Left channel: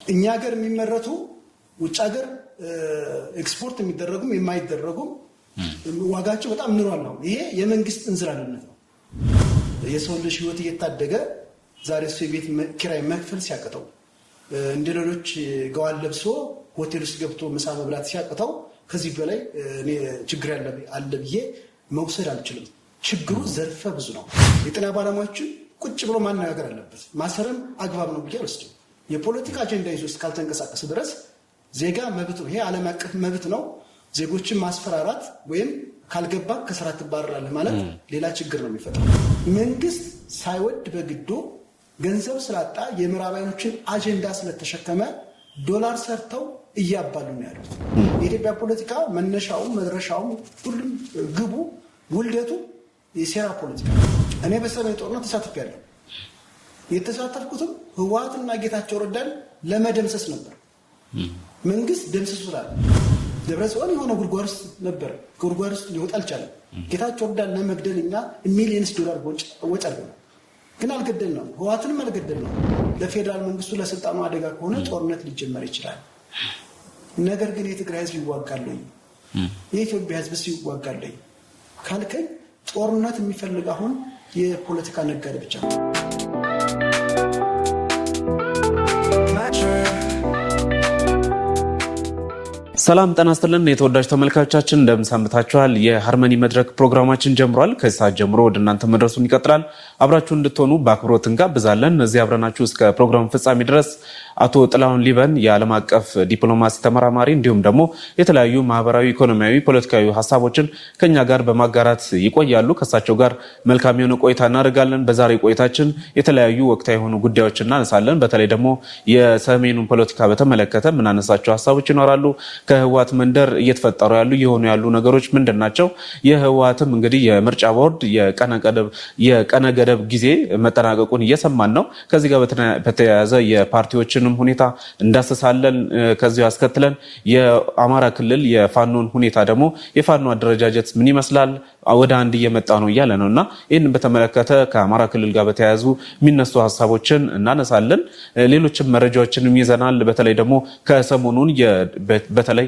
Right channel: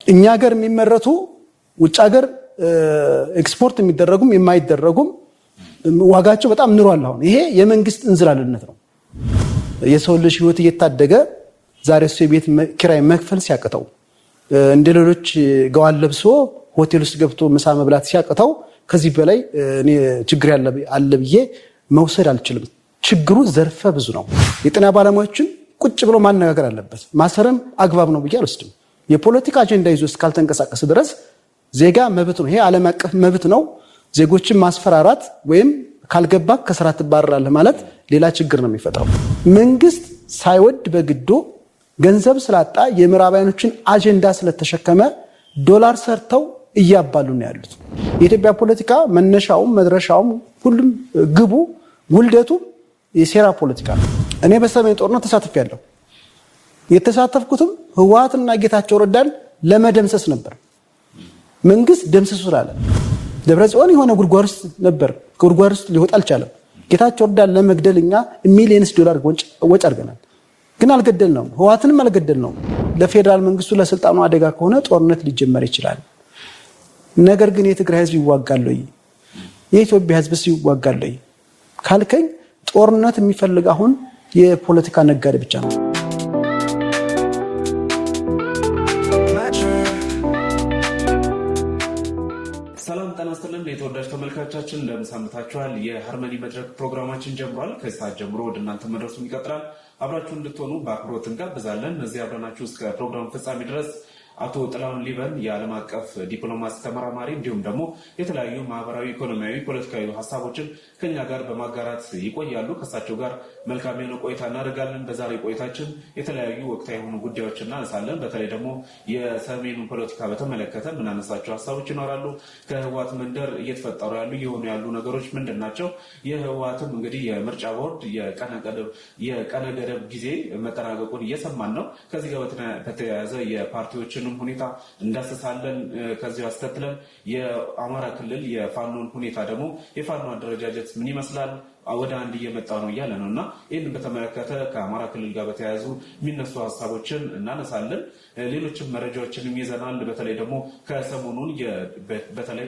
እኛ ሀገር የሚመረቱ ውጭ ሀገር ኤክስፖርት የሚደረጉም የማይደረጉም ዋጋቸው በጣም ንሯል። አሁን ይሄ የመንግስት እንዝላልነት ነው። የሰው ልጅ ህይወት እየታደገ ዛሬ እሱ የቤት ኪራይ መክፈል ሲያቅተው እንደ ሌሎች ገዋን ለብሶ ሆቴል ውስጥ ገብቶ ምሳ መብላት ሲያቅተው ከዚህ በላይ እኔ ችግር አለ ብዬ መውሰድ አልችልም። ችግሩ ዘርፈ ብዙ ነው። የጤና ባለሙያዎችን ቁጭ ብሎ ማነጋገር አለበት። ማሰርም አግባብ ነው ብዬ አልወስድም። የፖለቲካ አጀንዳ ይዞ እስካልተንቀሳቀስ ድረስ ዜጋ መብት ነው። ይሄ ዓለም አቀፍ መብት ነው። ዜጎችን ማስፈራራት ወይም ካልገባ ከስራ ትባረራለህ ማለት ሌላ ችግር ነው የሚፈጥረው። መንግስት ሳይወድ በግዱ ገንዘብ ስላጣ የምዕራባውያኖችን አጀንዳ ስለተሸከመ ዶላር ሰርተው እያባሉ ነው ያሉት። የኢትዮጵያ ፖለቲካ መነሻውም መድረሻውም ሁሉም ግቡ ውልደቱ የሴራ ፖለቲካ ነው። እኔ በሰሜን ጦርነት ተሳትፌያለሁ። የተሳተፍኩትም ህወሓትና ጌታቸው ረዳን ለመደምሰስ ነበር። መንግስት ደምሰሱ ስላለ ደብረጽዮን የሆነ ጉድጓድ ውስጥ ነበር። ከጉድጓድ ውስጥ ሊወጣ አልቻለም። ጌታቸው ረዳን ለመግደል እኛ ሚሊየንስ ዶላር ወጪ አድርገናል። ግን አልገደልነው። ህወሓትንም አልገደልነው። ለፌዴራል መንግስቱ ለስልጣኑ አደጋ ከሆነ ጦርነት ሊጀመር ይችላል። ነገር ግን የትግራይ ህዝብ ይዋጋል ወይ? የኢትዮጵያ ህዝብስ ይዋጋል ወይ ካልከኝ ጦርነት የሚፈልግ አሁን የፖለቲካ ነጋዴ ብቻ ነው። ሰላም ጤና ይስጥልን የተወዳጅ ተመልካቾቻችን እንደምን ሰንብታችኋል? የሃርመኒ መድረክ ፕሮግራማችን ጀምሯል። ከሰዓት ጀምሮ ወደ እናንተ መድረሱን ይቀጥላል። አብራችሁ እንድትሆኑ በአክብሮት እንጋብዛለን። እዚህ አብረናችሁ እስከ ፕሮግራም ፍጻሜ ድረስ አቶ ጥላሁን ሊበን የዓለም አቀፍ ዲፕሎማሲ ተመራማሪ እንዲሁም ደግሞ የተለያዩ ማህበራዊ፣ ኢኮኖሚያዊ፣ ፖለቲካዊ ሀሳቦችን ከኛ ጋር በማጋራት ይቆያሉ። ከሳቸው ጋር መልካም የሆነ ቆይታ እናደርጋለን። በዛሬ ቆይታችን የተለያዩ ወቅታዊ የሆኑ ጉዳዮችን እናነሳለን። በተለይ ደግሞ የሰሜኑን ፖለቲካ በተመለከተ የምናነሳቸው ሀሳቦች ይኖራሉ። ከህወሓት መንደር እየተፈጠሩ የሆኑ ያሉ ነገሮች ምንድን ናቸው? የህወሓትም እንግዲህ የምርጫ ቦርድ የቀነ ገደብ ጊዜ መጠናቀቁን እየሰማን ነው። ከዚህ ጋር በተያያዘ የፓርቲዎችን ሁኔታ እንዳሰሳለን። ከዚሁ ያስከትለን የአማራ ክልል የፋኖን ሁኔታ ደግሞ የፋኖ አደረጃጀት ምን ይመስላል ወደ አንድ እየመጣ ነው እያለ ነው እና ይህንን በተመለከተ ከአማራ ክልል ጋር በተያያዙ የሚነሱ ሀሳቦችን እናነሳለን። ሌሎችም መረጃዎችንም ይዘናል። በተለይ ደግሞ ከሰሞኑን በተለይ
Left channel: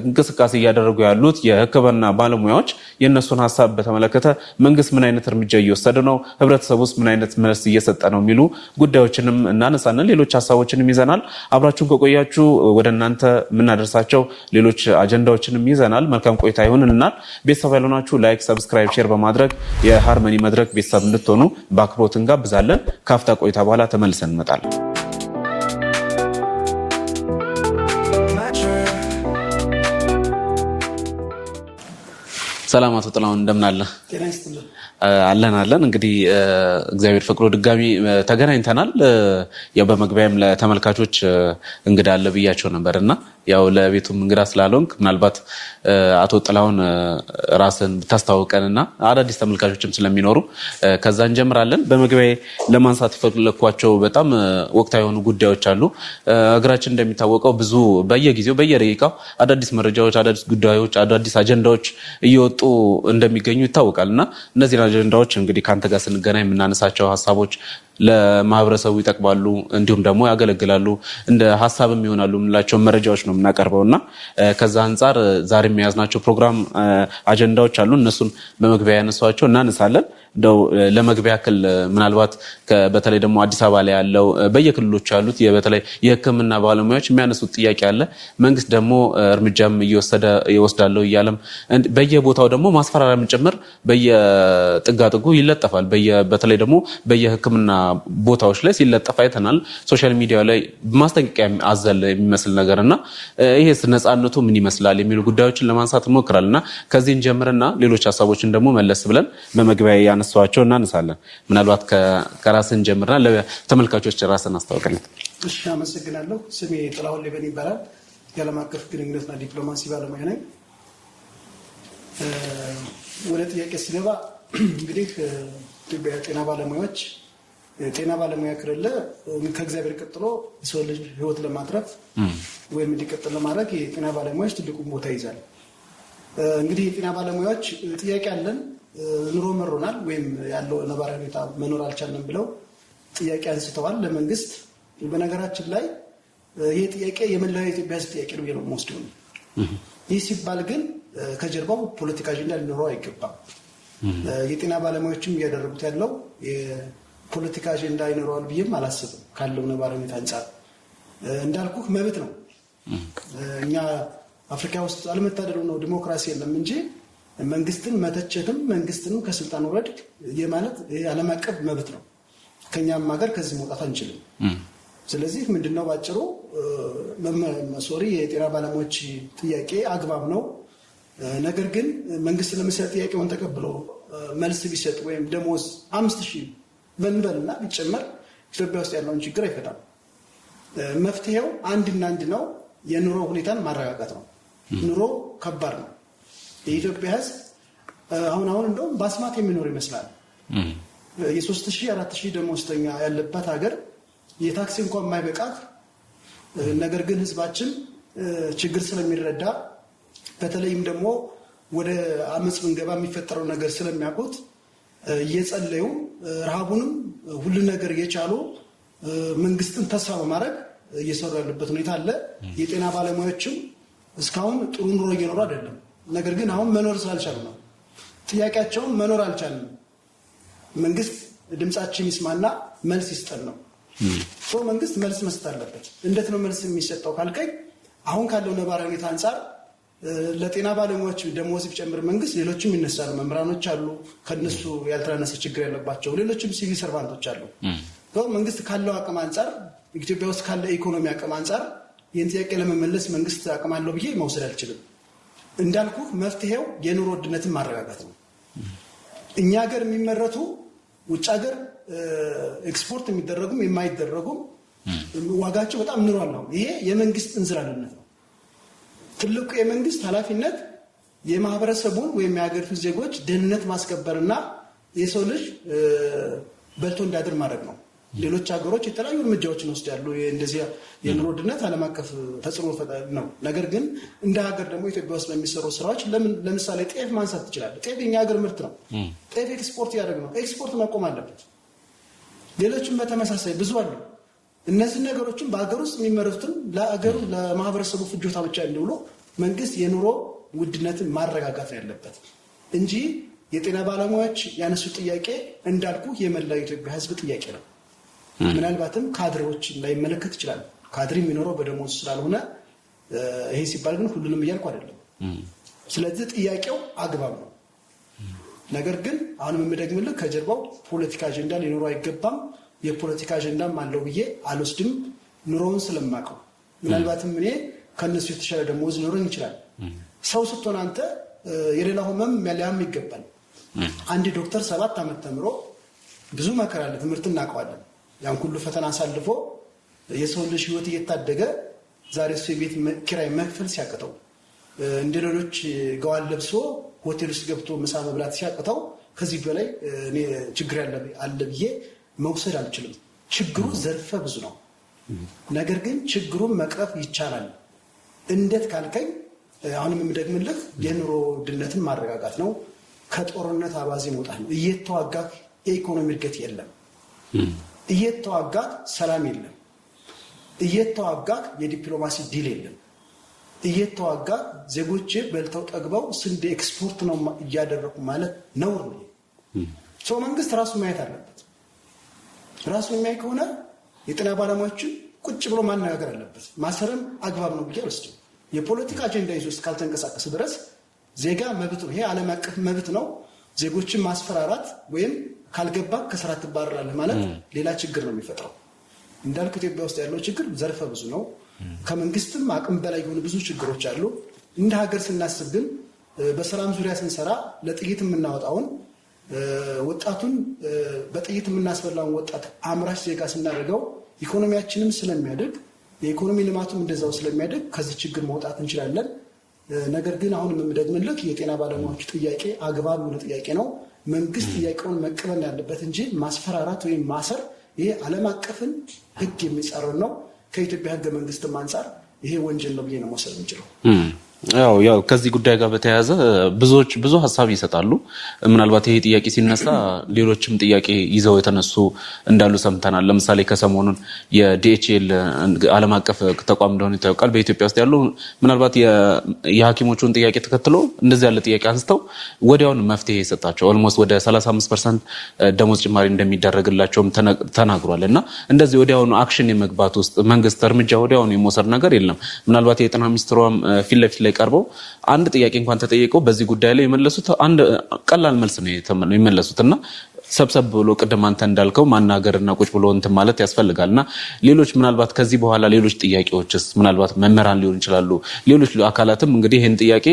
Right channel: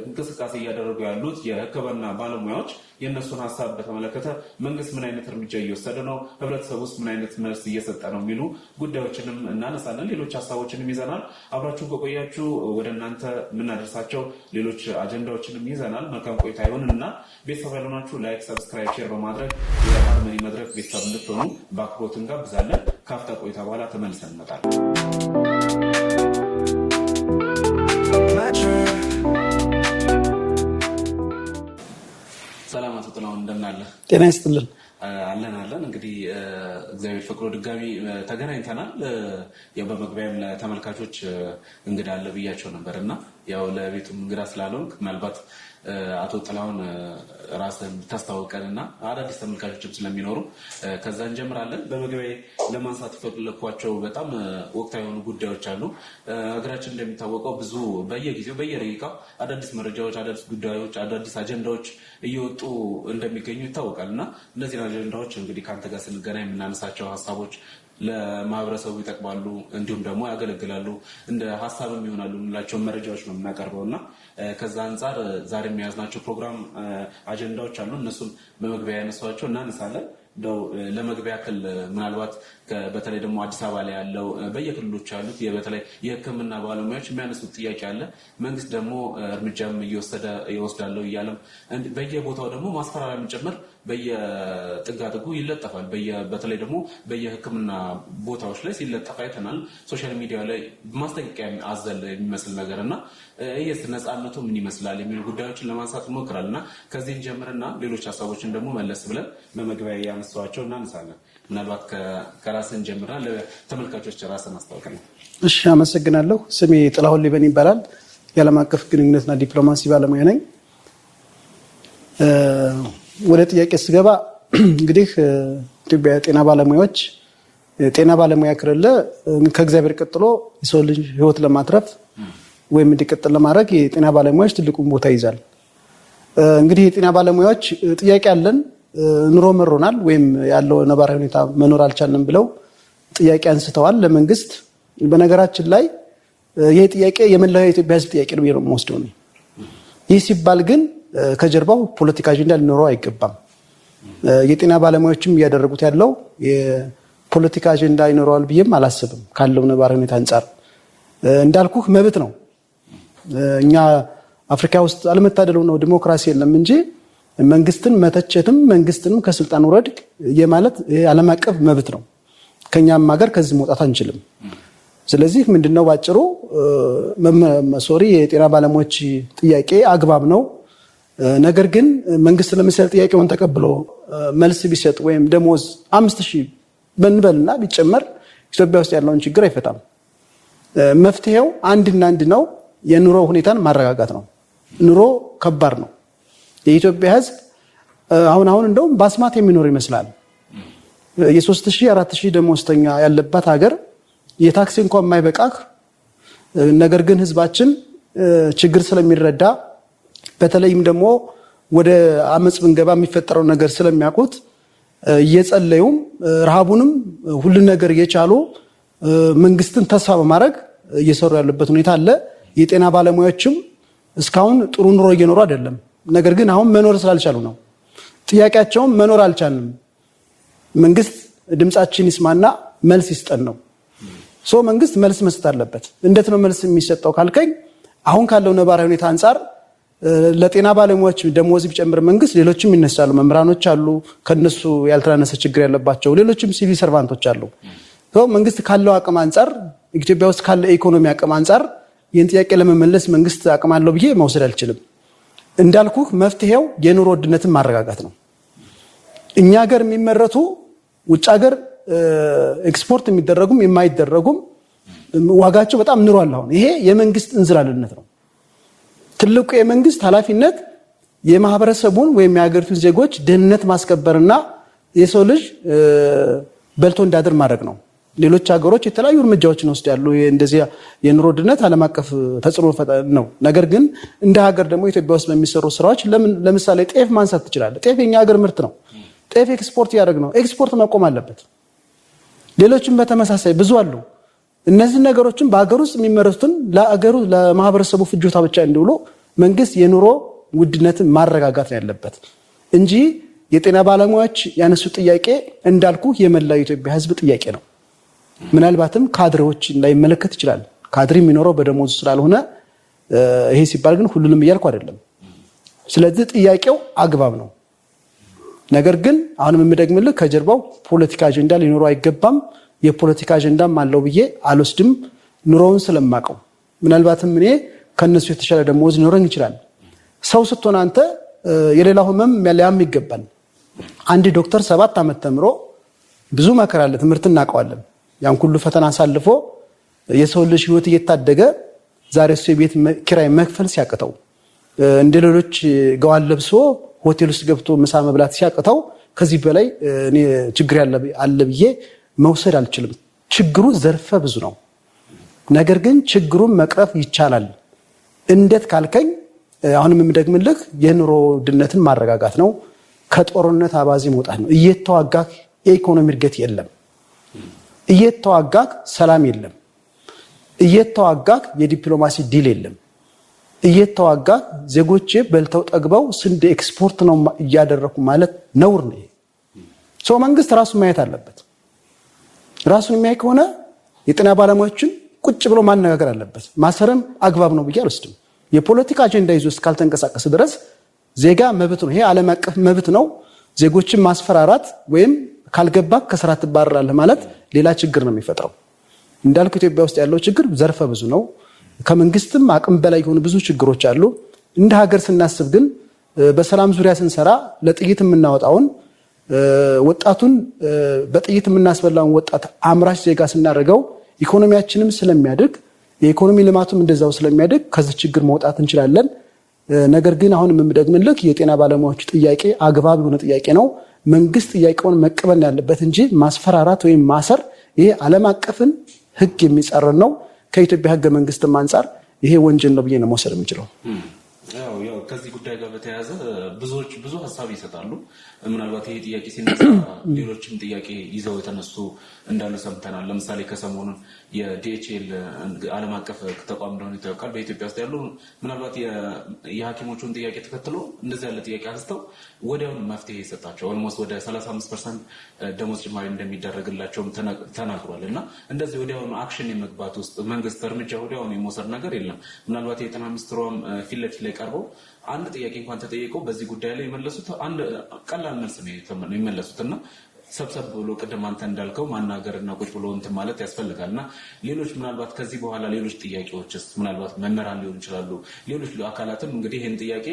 እንቅስቃሴ እያደረጉ ያሉት የሕክምና ባለሙያዎች የእነሱን ሀሳብ በተመለከተ መንግስት ምን አይነት እርምጃ እየወሰደ ነው፣ ህብረተሰብ ውስጥ ምን አይነት መልስ እየሰጠ ነው የሚሉ ጉዳዮችንም እናነሳለን። ሌሎች ሀሳቦችንም ይዘናል። አብራችሁን ከቆያችሁ ወደ እናንተ የምናደርሳቸው ሌሎች አጀንዳዎችንም ይዘናል። መልካም ቆይታ ይሁንልናል። ቤተሰብ ያልሆናችሁ ላይክ፣ ሰብስክራይብ፣ ሼር በማድረግ የሃርመኒ መድረክ ቤተሰብ እንድትሆኑ በአክብሮት እንጋብዛለን። ካፍታ ቆይታ በኋላ ተመልሰን እንመጣለን። ሰላም አቶ ጥላሁን እንደምን አለ? ጤና ይስጥልን። አለን እንግዲህ እግዚአብሔር ፈቅዶ ድጋሚ ተገናኝተናል። ያው በመግቢያም ለተመልካቾች እንግዳ አለ ብያቸው ነበር እና ያው ለቤቱም እንግዳ ስላልሆንክ ምናልባት አቶ ጥላሁን ራስን ብታስተዋውቀንና አዳዲስ ተመልካቾችም ስለሚኖሩ ከዛ እንጀምራለን። በመግቢያ ለማንሳት የፈለኳቸው በጣም ወቅታዊ የሆኑ ጉዳዮች አሉ። ሀገራችን እንደሚታወቀው ብዙ በየጊዜው በየደቂቃው አዳዲስ መረጃዎች፣ አዳዲስ ጉዳዮች፣ አዳዲስ አጀንዳዎች እየወጡ እንደሚገኙ ይታወቃል እና እነዚህ አጀንዳዎች እንግዲህ ከአንተ ጋር ስንገናኝ የምናነሳቸው ሀሳቦች ለማህበረሰቡ ይጠቅማሉ እንዲሁም ደግሞ ያገለግላሉ እንደ ሀሳብም ይሆናሉ የምንላቸው መረጃዎች ነው የምናቀርበው እና ከዛ አንጻር ዛሬ የያዝናቸው ፕሮግራም አጀንዳዎች አሉ። እነሱን በመግቢያ ያነሷቸው እናነሳለን። እንደው ለመግቢያ ያክል ምናልባት በተለይ ደግሞ አዲስ አበባ ላይ ያለው በየክልሎች ያሉት በተለይ የሕክምና ባለሙያዎች የሚያነሱት ጥያቄ አለ። መንግስት ደግሞ እርምጃም ይወስዳለው እያለም በየቦታው ደግሞ ማስፈራሪያም ጭምር በየጥጋጥጉ ይለጠፋል። በተለይ ደግሞ በየሕክምና ቦታዎች ላይ ሲለጠፍ አይተናል። ሶሻል ሚዲያ ላይ ማስጠንቀቂያ አዘል የሚመስል ነገር እና ይሄስ ነፃነቱ ምን ይመስላል የሚሉ ጉዳዮችን ለማንሳት እንሞክራለን እና ከዚህን ጀምርና ሌሎች ሀሳቦችን ደግሞ መለስ ብለን በመግቢያ ያነሷቸው እናነሳለን። ምናልባት ከራስን ጀምርና ለተመልካቾች ራስን አስተዋውቅልን። እሺ፣ አመሰግናለሁ። ስሜ ጥላሁን ሊበን ይባላል። የዓለም አቀፍ ግንኙነትና ዲፕሎማሲ ባለሙያ ነኝ። ወደ ጥያቄ ስገባ እንግዲህ ኢትዮጵያ ጤና ባለሙያዎች ጤና ባለሙያ ከሌለ ከእግዚአብሔር ቀጥሎ የሰው ልጅ ህይወት ለማትረፍ ወይም እንዲቀጥል ለማድረግ የጤና ባለሙያዎች ትልቁን ቦታ ይዛል። እንግዲህ የጤና ባለሙያዎች ጥያቄ አለን፣ ኑሮ መሮናል ወይም ያለው ነባራዊ ሁኔታ መኖር አልቻለም ብለው ጥያቄ አንስተዋል ለመንግስት። በነገራችን ላይ ይሄ ጥያቄ የመላው የኢትዮጵያ ሕዝብ ጥያቄ ነው የሚወስደው ነው። ይህ ሲባል ግን ከጀርባው ፖለቲካ አጀንዳ ሊኖረው አይገባም። የጤና ባለሙያዎችም እያደረጉት ያለው የፖለቲካ አጀንዳ ይኖረዋል ብዬም አላስብም። ካለው ነባራዊ ሁኔታ አንጻር እንዳልኩህ መብት ነው። እኛ አፍሪካ ውስጥ አለመታደለው ነው ዲሞክራሲ የለም እንጂ መንግስትን መተቸትም መንግስትንም ከስልጣን ውረድ የማለት ዓለም አቀፍ መብት ነው። ከኛም ሀገር ከዚህ መውጣት አንችልም። ስለዚህ ምንድነው ባጭሩ የጤና ባለሙያዎች ጥያቄ አግባብ ነው። ነገር ግን መንግስት ለምሳሌ ጥያቄውን ተቀብሎ መልስ ቢሰጥ ወይም ደሞዝ 5000 በንበልና ቢጨመር ኢትዮጵያ ውስጥ ያለውን ችግር አይፈታም። መፍትሄው አንድና አንድ ነው። የኑሮ ሁኔታን ማረጋጋት ነው። ኑሮ ከባድ ነው። የኢትዮጵያ ሕዝብ አሁን እንደውም በአስማት የሚኖር ይመስላል። የ3000 4000 ደሞዝተኛ ያለባት ሀገር የታክሲ እንኳን የማይበቃህ። ነገር ግን ሕዝባችን ችግር ስለሚረዳ በተለይም ደግሞ ወደ አመጽ ብንገባ የሚፈጠረው ነገር ስለሚያውቁት እየጸለዩም ረሃቡንም ሁሉን ነገር እየቻሉ መንግስትን ተስፋ በማድረግ እየሰሩ ያለበት ሁኔታ አለ። የጤና ባለሙያዎችም እስካሁን ጥሩ ኑሮ እየኖሩ አይደለም። ነገር ግን አሁን መኖር ስላልቻሉ ነው። ጥያቄያቸውም መኖር አልቻልንም፣ መንግስት ድምጻችን ይስማና መልስ ይስጠን ነው። መንግስት መልስ መስጠት አለበት። እንዴት ነው መልስ የሚሰጠው ካልከኝ አሁን ካለው ነባራዊ ሁኔታ አንጻር ለጤና ባለሙያዎች ደሞዝ ቢጨምር መንግስት ሌሎችም ይነሳሉ። መምህራኖች አሉ፣ ከነሱ ያልተናነሰ ችግር ያለባቸው ሌሎችም ሲቪል ሰርቫንቶች አሉ። መንግስት ካለው አቅም አንጻር ኢትዮጵያ ውስጥ ካለ ኢኮኖሚ አቅም አንጻር ይህን ጥያቄ ለመመለስ መንግስት አቅም አለው ብዬ መውሰድ አልችልም። እንዳልኩህ መፍትሄው የኑሮ ውድነትን ማረጋጋት ነው። እኛ ሀገር የሚመረቱ ውጭ ሀገር ኤክስፖርት የሚደረጉም የማይደረጉም ዋጋቸው በጣም ንሯል። አሁን ይሄ የመንግስት እንዝላልነት ነው። ትልቁ የመንግስት ኃላፊነት የማህበረሰቡን ወይም የሀገሪቱን ዜጎች ደህንነት ማስከበርና የሰው ልጅ በልቶ እንዳድር ማድረግ ነው። ሌሎች ሀገሮች የተለያዩ እርምጃዎችን ወስዳሉ። እንደዚህ የኑሮ ውድነት ዓለም አቀፍ ተጽዕኖ ነው። ነገር ግን እንደ ሀገር ደግሞ ኢትዮጵያ ውስጥ በሚሰሩ ስራዎች ለምሳሌ ጤፍ ማንሳት ትችላለህ። ጤፍ የኛ ሀገር ምርት ነው። ጤፍ ኤክስፖርት እያደረግ ነው። ኤክስፖርት መቆም አለበት። ሌሎችም በተመሳሳይ ብዙ አሉ። እነዚህ ነገሮችን በሀገር ውስጥ የሚመረቱትን ለማህበረሰቡ ፍጆታ ብቻ እንዲውሉ መንግስት የኑሮ ውድነትን ማረጋጋት ነው ያለበት እንጂ የጤና ባለሙያዎች ያነሱ ጥያቄ እንዳልኩ የመላው የኢትዮጵያ ሕዝብ ጥያቄ ነው። ምናልባትም ካድሬዎች ላይመለከት ይችላል። ካድሬ የሚኖረው በደሞዙ ስላልሆነ ይሄ ሲባል ግን ሁሉንም እያልኩ አይደለም። ስለዚህ ጥያቄው አግባብ ነው። ነገር ግን አሁንም የምደግምልህ ከጀርባው ፖለቲካ አጀንዳ ሊኖረው አይገባም። የፖለቲካ አጀንዳም አለው ብዬ አልወስድም። ኑሮውን ስለማቀው ምናልባትም እኔ ከነሱ የተሻለ ደሞዝ ሊኖረኝ ይችላል። ሰው ስትሆን አንተ የሌላው ህመም ሊያም ይገባል። አንድ ዶክተር 7 ዓመት ተምሮ ብዙ መከራ አለ፣ ትምህርት እናውቀዋለን። ያን ሁሉ ፈተና አሳልፎ የሰው ልጅ ህይወት እየታደገ ዛሬ እሱ የቤት ኪራይ መክፈል ሲያቅተው እንደ ሌሎች ገዋን ለብሶ ሆቴል ውስጥ ገብቶ ምሳ መብላት ሲያቅተው ከዚህ በላይ እኔ ችግር አለ ብዬ መውሰድ አልችልም። ችግሩ ዘርፈ ብዙ ነው። ነገር ግን ችግሩን መቅረፍ ይቻላል። እንዴት ካልከኝ አሁንም የምደግምልህ የኑሮ ውድነትን ማረጋጋት ነው። ከጦርነት አባዜ መውጣት ነው። እየተዋጋህ የኢኮኖሚ እድገት የለም። እየተዋጋህ ሰላም የለም። እየተዋጋህ የዲፕሎማሲ ዲል የለም። እየተዋጋህ ዜጎቼ በልተው ጠግበው ስንዴ ኤክስፖርት ነው እያደረኩ ማለት ነውር ነው። ሰው መንግስት ራሱን ማየት አለበት። ራሱን የሚያይ ከሆነ የጤና ባለሙያዎችን ቁጭ ብሎ ማነጋገር አለበት። ማሰርም አግባብ ነው ብዬ አልወስድም። የፖለቲካ አጀንዳ ይዞ እስካልተንቀሳቀስ ድረስ ዜጋ መብት ነው። ይሄ ዓለም አቀፍ መብት ነው። ዜጎችን ማስፈራራት ወይም ካልገባ ከስራ ትባረራለህ ማለት ሌላ ችግር ነው የሚፈጥረው። እንዳልኩ ኢትዮጵያ ውስጥ ያለው ችግር ዘርፈ ብዙ ነው። ከመንግስትም አቅም በላይ የሆኑ ብዙ ችግሮች አሉ። እንደ ሀገር ስናስብ ግን በሰላም ዙሪያ ስንሰራ ለጥይት የምናወጣውን ወጣቱን በጥይት የምናስበላውን ወጣት አምራች ዜጋ ስናደርገው ኢኮኖሚያችንም ስለሚያድግ የኢኮኖሚ ልማቱም እንደዛው ስለሚያድግ ከዚህ ችግር መውጣት እንችላለን። ነገር ግን አሁን የምደግምልህ የጤና ባለሙያዎች ጥያቄ አግባብ የሆነ ጥያቄ ነው። መንግስት ጥያቄውን መቀበል ያለበት እንጂ ማስፈራራት ወይም ማሰር ይሄ ዓለም አቀፍን ሕግ የሚጻረን ነው። ከኢትዮጵያ ሕገ መንግስትም አንጻር ይሄ ወንጀል ነው ብዬ ነው መውሰድ የምችለው። ያው ከዚህ ጉዳይ ጋር በተያያዘ ብዙ ሀሳብ ይሰጣሉ። ምናልባት ይሄ ጥያቄ ሲነሳ ሌሎችም ጥያቄ ይዘው የተነሱ እንዳሉ ሰምተናል። ለምሳሌ ከሰሞኑን የዲኤችኤል ዓለም አቀፍ ተቋም እንደሆነ ይታወቃል። በኢትዮጵያ ውስጥ ያሉ ምናልባት የሐኪሞቹን ጥያቄ ተከትሎ እንደዚህ ያለ ጥያቄ አንስተው ወዲያውን መፍትሄ የሰጣቸው ኦልሞስት ወደ 35% ደሞዝ ጭማሪ እንደሚደረግላቸውም ተናግሯል። እና እንደዚህ ወዲያውኑ አክሽን የመግባት ውስጥ መንግስት እርምጃ ወዲያውኑ የመውሰድ ነገር የለም። ምናልባት የጤና ሚኒስትሯም ፊት ለፊት ላይ ቀርበው አንድ ጥያቄ እንኳን ተጠይቀው በዚህ ጉዳይ ላይ የመለሱት አንድ ቀላል መልስ ነው የመለሱት እና ሰብሰብ ብሎ ቅድም አንተ እንዳልከው ማናገርና ቁጭ ብሎ እንትን ማለት ያስፈልጋልና ሌሎች ምናልባት ከዚህ በኋላ ሌሎች ጥያቄዎችስ ምናልባት መምህራን ሊሆን ይችላሉ ሌሎች አካላትም እንግዲህ ይህን ጥያቄ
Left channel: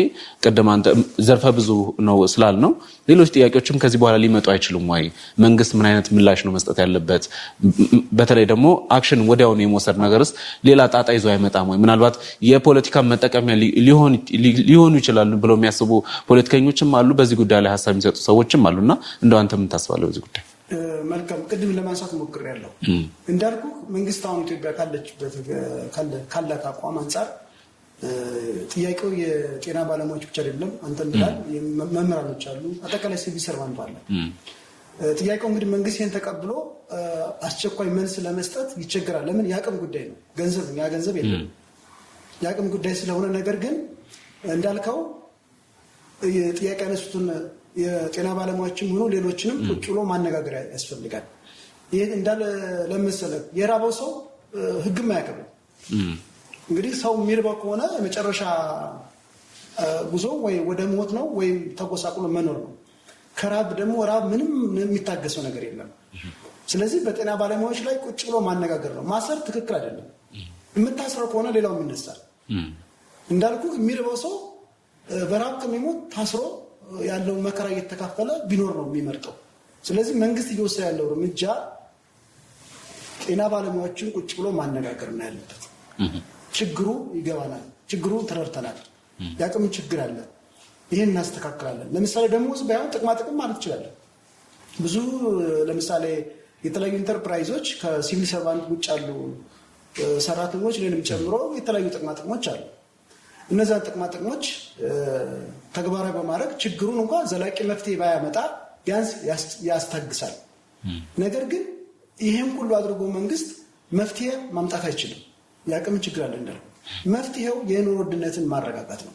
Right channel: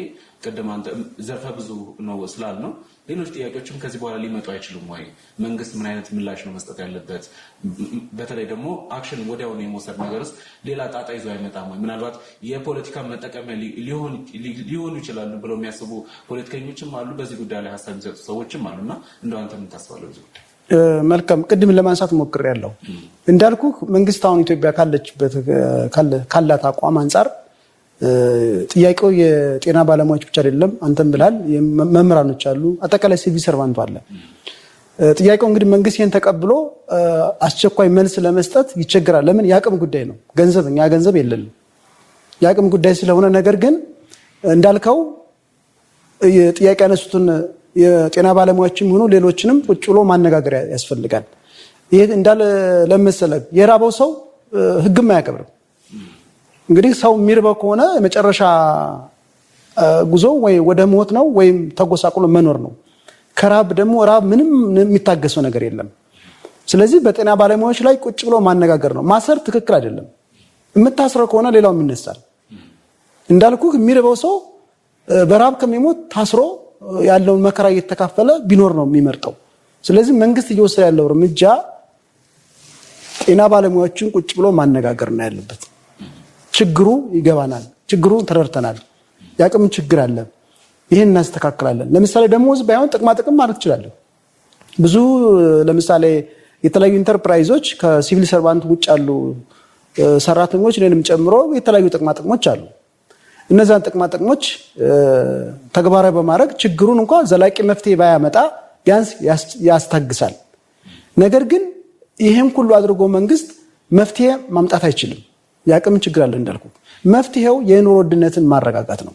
ቅድም አንተ ዘርፈ ብዙ ነው ስላልነው ሌሎች ጥያቄዎችም ከዚህ በኋላ ሊመጡ አይችሉም ወይ? መንግስት ምን አይነት ምላሽ ነው መስጠት ያለበት? በተለይ ደግሞ አክሽን ወዲያውኑ የመውሰድ ነገርስ ሌላ ጣጣ ይዞ አይመጣም ወይ? ምናልባት የፖለቲካ መጠቀሚያ ሊሆኑ ይችላሉ ብለው የሚያስቡ ፖለቲከኞችም አሉ፣ በዚህ ጉዳይ ላይ ሀሳብ የሚሰጡ ሰዎችም አሉና እንደው አንተ ምን ታስባለህ በዚህ ጉዳይ? መልካም ቅድም ለማንሳት ሞክሬያለሁ። እንዳልኩ መንግስት አሁን ኢትዮጵያ ካላት አቋም አንጻር ጥያቄው የጤና ባለሙያዎች ብቻ አይደለም። አንተም ብላል መምህራኖች አሉ፣ አጠቃላይ ሲቪል ሰርቫንቱ አለ። ጥያቄው እንግዲህ መንግስት ይህን ተቀብሎ አስቸኳይ መልስ ለመስጠት ይቸግራል። ለምን? የአቅም ጉዳይ ነው። እኛ ገንዘብ የለንም፣ የአቅም ጉዳይ ስለሆነ። ነገር ግን እንዳልከው ጥያቄ ያነሱትን የጤና ባለሙያዎችም ሆኑ ሌሎችንም ቁጭ ብሎ ማነጋገር ያስፈልጋል። ይሄ እንዳለ ለመሰለ የራበው ሰው ህግም አያከብርም። እንግዲህ ሰው የሚርበው ከሆነ የመጨረሻ ጉዞ ወይ ወደ ሞት ነው ወይም ተጎሳቁሎ መኖር ነው። ከራብ ደግሞ ራብ ምንም የሚታገሰው ነገር የለም። ስለዚህ በጤና ባለሙያዎች ላይ ቁጭ ብሎ ማነጋገር ነው። ማሰር ትክክል አይደለም። የምታስረው ከሆነ ሌላውም ይነሳል። እንዳልኩ የሚርበው ሰው በራብ ከሚሞት ታስሮ ያለውን መከራ እየተካፈለ ቢኖር ነው የሚመርጠው። ስለዚህ መንግስት እየወሰደ ያለው እርምጃ ጤና ባለሙያዎችን ቁጭ ብሎ ማነጋገር ነው ያለበት። ችግሩ ይገባናል፣ ችግሩ ተረድተናል፣ የአቅም ችግር አለ፣ ይህን እናስተካክላለን። ለምሳሌ ደሞዝ ባይሆን ጥቅማ ጥቅም ማለት ይችላለን። ብዙ ለምሳሌ የተለያዩ ኢንተርፕራይዞች ከሲቪል ሰርቫንት ውጭ ያሉ ሰራተኞች እኔንም ጨምሮ የተለያዩ ጥቅማ ጥቅሞች አሉ። እነዛን ጥቅማ ጥቅሞች ተግባራዊ በማድረግ ችግሩን እንኳን ዘላቂ መፍትሄ ባያመጣ ቢያንስ ያስታግሳል። ነገር ግን ይህም ሁሉ አድርጎ መንግስት መፍትሄ ማምጣት አይችልም። የአቅም ችግር አለ እንዳልኩ። መፍትሄው የኑሮ ውድነትን ማረጋጋት ነው።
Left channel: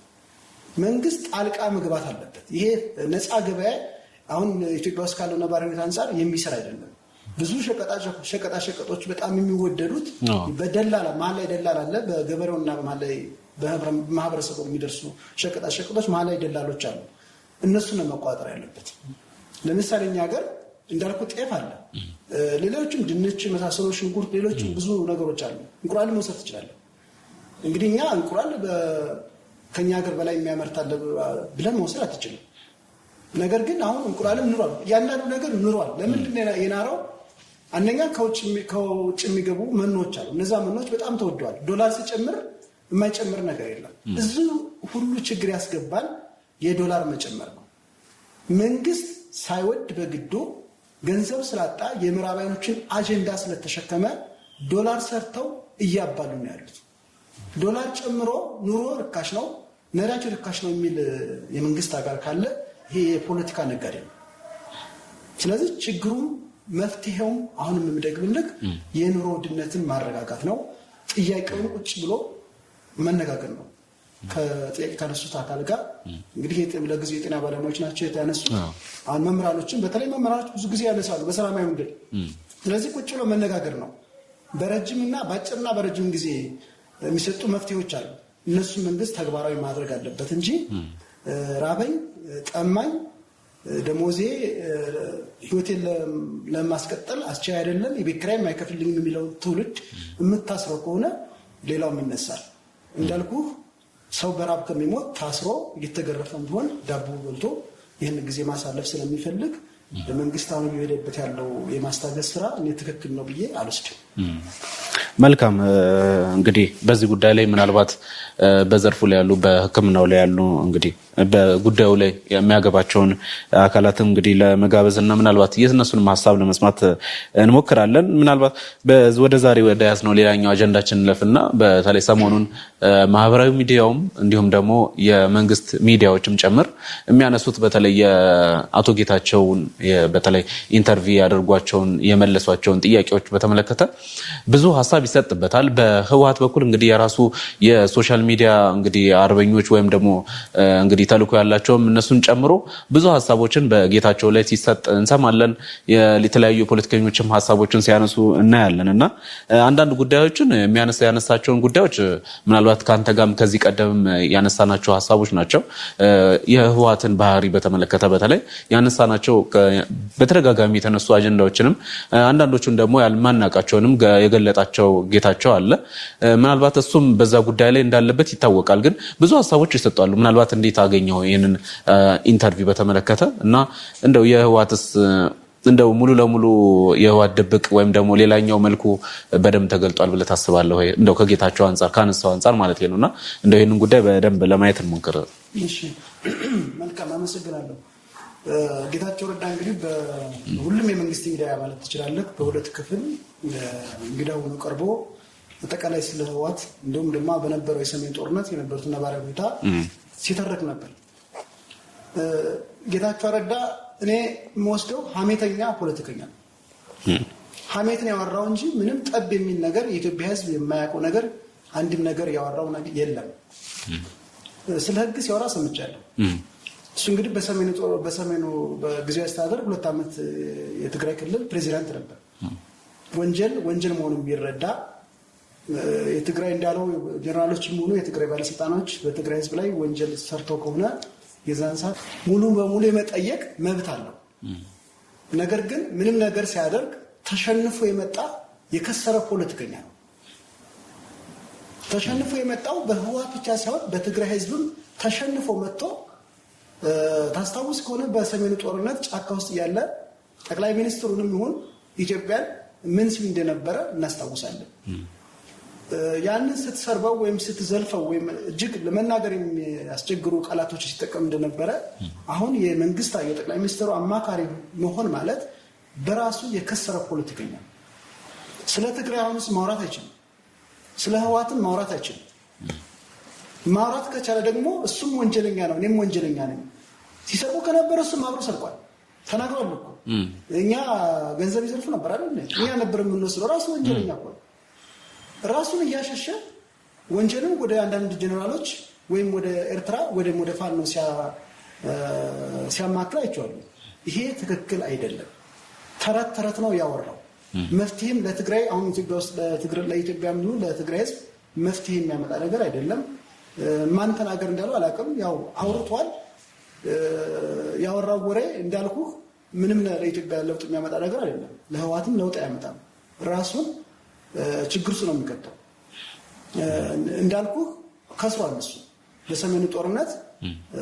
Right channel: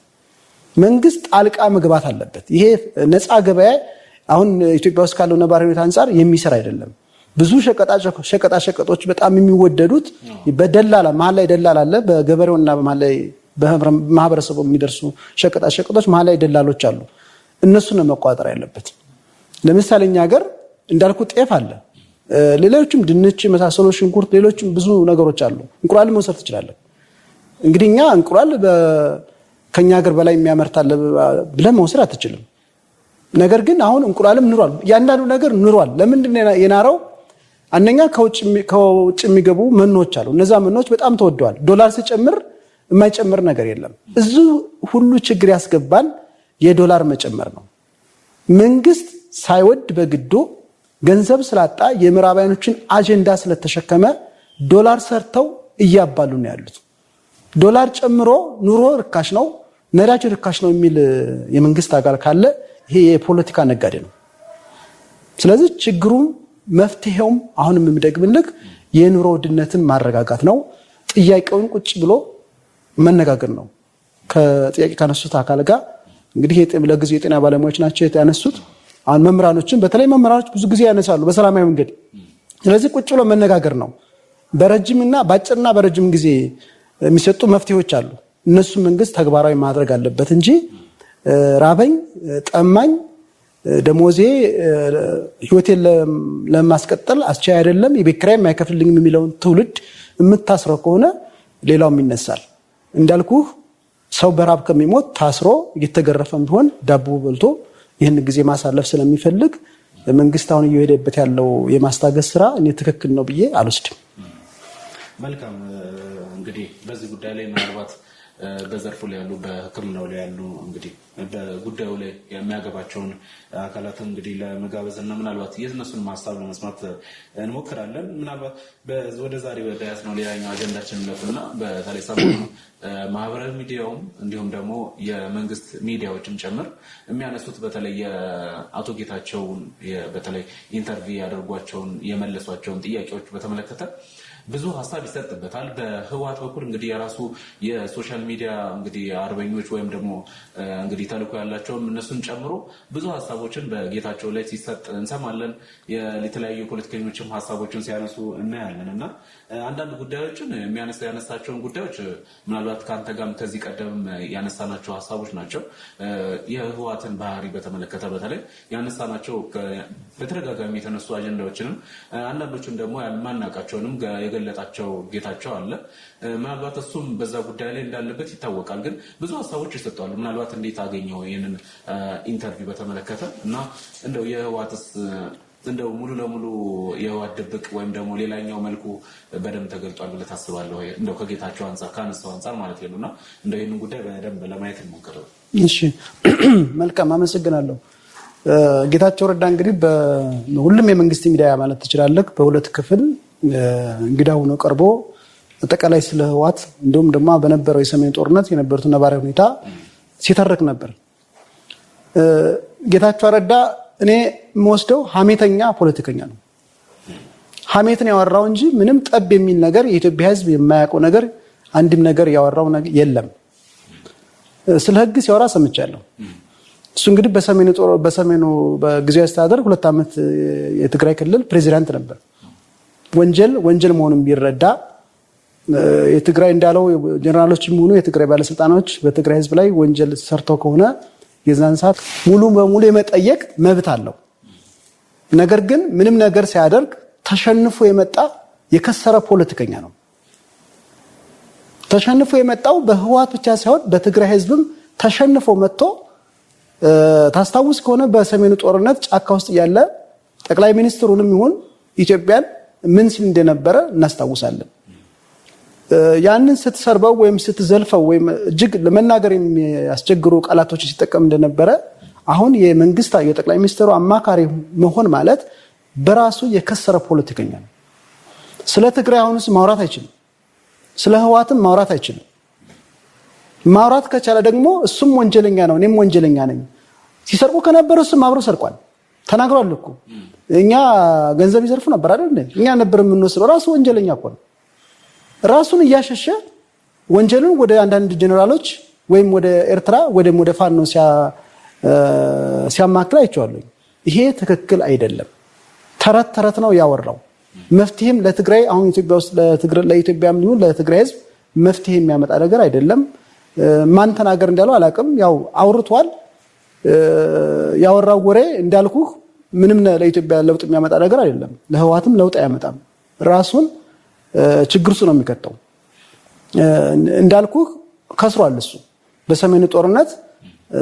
መንግስት ጣልቃ መግባት አለበት። ይሄ ነፃ ገበያ አሁን ኢትዮጵያ ውስጥ ካለው ነባራዊ ሁኔታ አንጻር የሚሰራ አይደለም። ብዙ ሸቀጣ ሸቀጦች በጣም የሚወደዱት በደላላ መሀል ላይ ደላላ አለ። በገበሬውና መሀል ላይ በማህበረሰቡ የሚደርሱ ሸቀጣ ሸቀጦች መሀል ላይ ደላሎች አሉ። እነሱን መቆጣጠር ያለበት። ለምሳሌ እኛ ሀገር እንዳልኩ ጤፍ አለ፣ ሌሎችም ድንች መሳሰሉ፣ ሽንኩርት፣ ሌሎችም ብዙ ነገሮች አሉ። እንቁላል መውሰድ ትችላለህ። እንግዲህ እኛ እንቁላል ከኛ ሀገር በላይ የሚያመርታለ ብለህ መውሰድ አትችልም። ነገር ግን አሁን እንቁላልም ኑሯል፣ ያንዳንዱ ነገር ኑሯል። ለምንድን ነው የናረው? አንደኛ ከውጭ የሚገቡ መኖች አሉ። እነዛ መኖች በጣም ተወደዋል። ዶላር ሲጨምር የማይጨምር ነገር የለም። እዚሁ ሁሉ ችግር ያስገባን የዶላር መጨመር ነው። መንግስት ሳይወድ በግዱ ገንዘብ ስላጣ የምዕራባውያኖችን አጀንዳ ስለተሸከመ ዶላር ሰርተው እያባሉ ነው ያሉት። ዶላር ጨምሮ ኑሮ ርካሽ ነው፣ ነዳጅ ርካሽ ነው የሚል የመንግስት አካል ካለ ይሄ የፖለቲካ ነጋዴ ነው። ስለዚህ ችግሩም መፍትሄውም አሁንም የምደግምልህ የኑሮ ውድነትን ማረጋጋት ነው። ጥያቄውን ቁጭ ብሎ መነጋገር ነው ከጥያቄ ካነሱት አካል ጋር። እንግዲህ ለጊዜው የጤና ባለሙያዎች ናቸው ያነሱት። አሁን መምህራኖችን በተለይ መምህራኖች ብዙ ጊዜ ያነሳሉ በሰላማዊ መንገድ። ስለዚህ ቁጭ ብሎ መነጋገር ነው። በረጅምና በአጭርና በረጅም ጊዜ የሚሰጡ መፍትሄዎች አሉ። እነሱ መንግስት ተግባራዊ ማድረግ አለበት እንጂ ራበኝ፣ ጠማኝ፣ ደሞዜ ህይወቴን ለማስቀጠል አስቻይ አይደለም፣ የቤት ኪራይ የማይከፍልልኝም የሚለውን ትውልድ የምታስረው ከሆነ ሌላውም ይነሳል። እንዳልኩህ ሰው በራብ ከሚሞት ታስሮ እየተገረፈም ቢሆን ዳቦ በልቶ ይህን ጊዜ ማሳለፍ ስለሚፈልግ መንግስት አሁን እየሄደበት ያለው የማስታገስ ስራ እኔ ትክክል ነው ብዬ አልወስድም። መልካም እንግዲህ በዚህ ጉዳይ ላይ ምናልባት በዘርፉ ላይ ያሉ በሕክምናው ላይ ያሉ እንግዲህ በጉዳዩ ላይ የሚያገባቸውን አካላት እንግዲህ ለመጋበዝና ምናልባት የእነሱንም ሀሳብ ለመስማት እንሞክራለን። ምናልባት ወደ ዛሬ ወደ ያዝነው ሌላኛው አጀንዳችን እንለፍና በተለይ ሰሞኑን ማህበራዊ ሚዲያውም እንዲሁም ደግሞ የመንግስት ሚዲያዎችም ጭምር የሚያነሱት በተለይ የአቶ ጌታቸውን በተለይ ኢንተርቪው ያደርጓቸውን የመለሷቸውን ጥያቄዎች በተመለከተ ብዙ ሀሳብ ይሰጥበታል። በህወሓት በኩል እንግዲህ የራሱ የሶሻል ሚዲያ እንግዲህ አርበኞች ወይም ደግሞ እንግዲህ ተልዕኮ ያላቸውም እነሱን ጨምሮ ብዙ ሀሳቦችን በጌታቸው ላይ ሲሰጥ እንሰማለን። የተለያዩ ፖለቲከኞችም ሀሳቦችን ሲያነሱ እናያለን እና አንዳንድ ጉዳዮችን ያነሳቸውን ጉዳዮች ምናልባት ከአንተ ጋርም ከዚህ ቀደም ያነሳናቸው ሀሳቦች ናቸው። የህወሓትን ባህሪ በተመለከተ በተለይ ያነሳናቸው በተደጋጋሚ የተነሱ አጀንዳዎችንም አንዳንዶቹን ደግሞ ያልማናቃቸውንም የገለጣቸው ጌታቸው አለ። ምናልባት እሱም በዛ ጉዳይ ላይ እንዳለበት ይታወቃል። ግን ብዙ ሀሳቦች ይሰጣሉ። ምናልባት እንዴት አገኘው ይህንን ኢንተርቪው በተመለከተ እና እንደው የህወሓትስ እንደው ሙሉ ለሙሉ የህወሓት ድብቅ ወይም ደግሞ ሌላኛው መልኩ በደንብ ተገልጧል ብለህ ታስባለህ ወይ? እንደው ከጌታቸው አንጻር ካነሳው አንጻር ማለት ነውና እንደው ይህንን ጉዳይ በደንብ ለማየት እንሞክር። እሺ መልካም አመሰግናለሁ። ጌታቸው ረዳ እንግዲህ በሁሉም የመንግስት ሚዲያ ማለት ትችላለህ በሁለት ክፍል እንግዳ ሆኖ ቀርቦ አጠቃላይ ስለ ህወሓት እንዲሁም ደግሞ በነበረው የሰሜን ጦርነት የነበሩትን ነባራዊ ሁኔታ ሲተርክ ነበር። ጌታቸው ረዳ እኔ የምወስደው ሀሜተኛ ፖለቲከኛ ነው። ሀሜትን ያወራው እንጂ ምንም ጠብ የሚል ነገር የኢትዮጵያ ህዝብ የማያውቀው ነገር አንድም ነገር ያወራው ነገር የለም። ስለ ህግ ሲያወራ ሰምቻለሁ። እሱ እንግዲህ በሰሜኑ በጊዜያዊ አስተዳደር 2 ዓመት የትግራይ ክልል ፕሬዚዳንት ነበር። ወንጀል መሆኑን ቢረዳ የትግራይ እንዳለው ጀነራሎች የሚሆኑ የትግራይ ባለስልጣኖች በትግራይ ህዝብ ላይ ወንጀል ሰርተው ከሆነ የዛን ሰዓት ሙሉ በሙሉ የመጠየቅ መብት አለው። ነገር ግን ምንም ነገር ሲያደርግ ተሸንፎ የመጣ የከሰረ ፖለቲከኛ ነው። ተሸንፎ የመጣው በህወሓት ብቻ ሳይሆን በትግራይ ህዝብም ተሸንፎ መጥቶ ታስታውስ ከሆነ በሰሜኑ ጦርነት ጫካ ውስጥ ያለ ጠቅላይ ሚኒስትሩንም ይሁን ኢትዮጵያን ምን ሲል እንደነበረ እናስታውሳለን። ያንን ስትሰርበው ወይም ስትዘልፈው ወይም እጅግ ለመናገር የሚያስቸግሩ ቃላቶች ሲጠቀም እንደነበረ አሁን የመንግስት የጠቅላይ ሚኒስትሩ አማካሪ መሆን ማለት በራሱ የከሰረ ፖለቲከኛ ነው። ስለ ትግራይ አሁንስ ማውራት አይችልም። ስለ ህወሓትም ማውራት አይችልም። ማውራት ከቻለ ደግሞ እሱም ወንጀለኛ ነው፣ እኔም ወንጀለኛ ነኝ። ሲሰርቁ ከነበረ እሱም አብሮ ሰርቋል። ተናግሯል እኮ እኛ ገንዘብ ይዘርፉ ነበር አይደል? እኛ ነበር የምንወስደው። ራሱ ወንጀለኛ እኮ ነው። ራሱን እያሸሸ ወንጀልን ወደ አንዳንድ ጀነራሎች ወይም ወደ ኤርትራ ወይም ወደ ፋኖ ሲያማክል አይቼዋለሁ። ይሄ ትክክል አይደለም። ተረት ነው ያወራው። መፍትሄም ለትግራይ አሁን ኢትዮጵያ ውስጥ ለኢትዮጵያም ይሁን ለትግራይ ህዝብ መፍትሄ የሚያመጣ ነገር አይደለም። ማን ተናገር እንዳለው አላውቅም። ያው አውርቷል። ያወራው ወሬ እንዳልኩህ ምንም ለኢትዮጵያ ለውጥ የሚያመጣ ነገር አይደለም። ለህወሓትም ለውጥ አያመጣም። ራሱን ችግር ውስጥ ነው የሚከተው። እንዳልኩህ ከስሯል። እሱ በሰሜኑ ጦርነት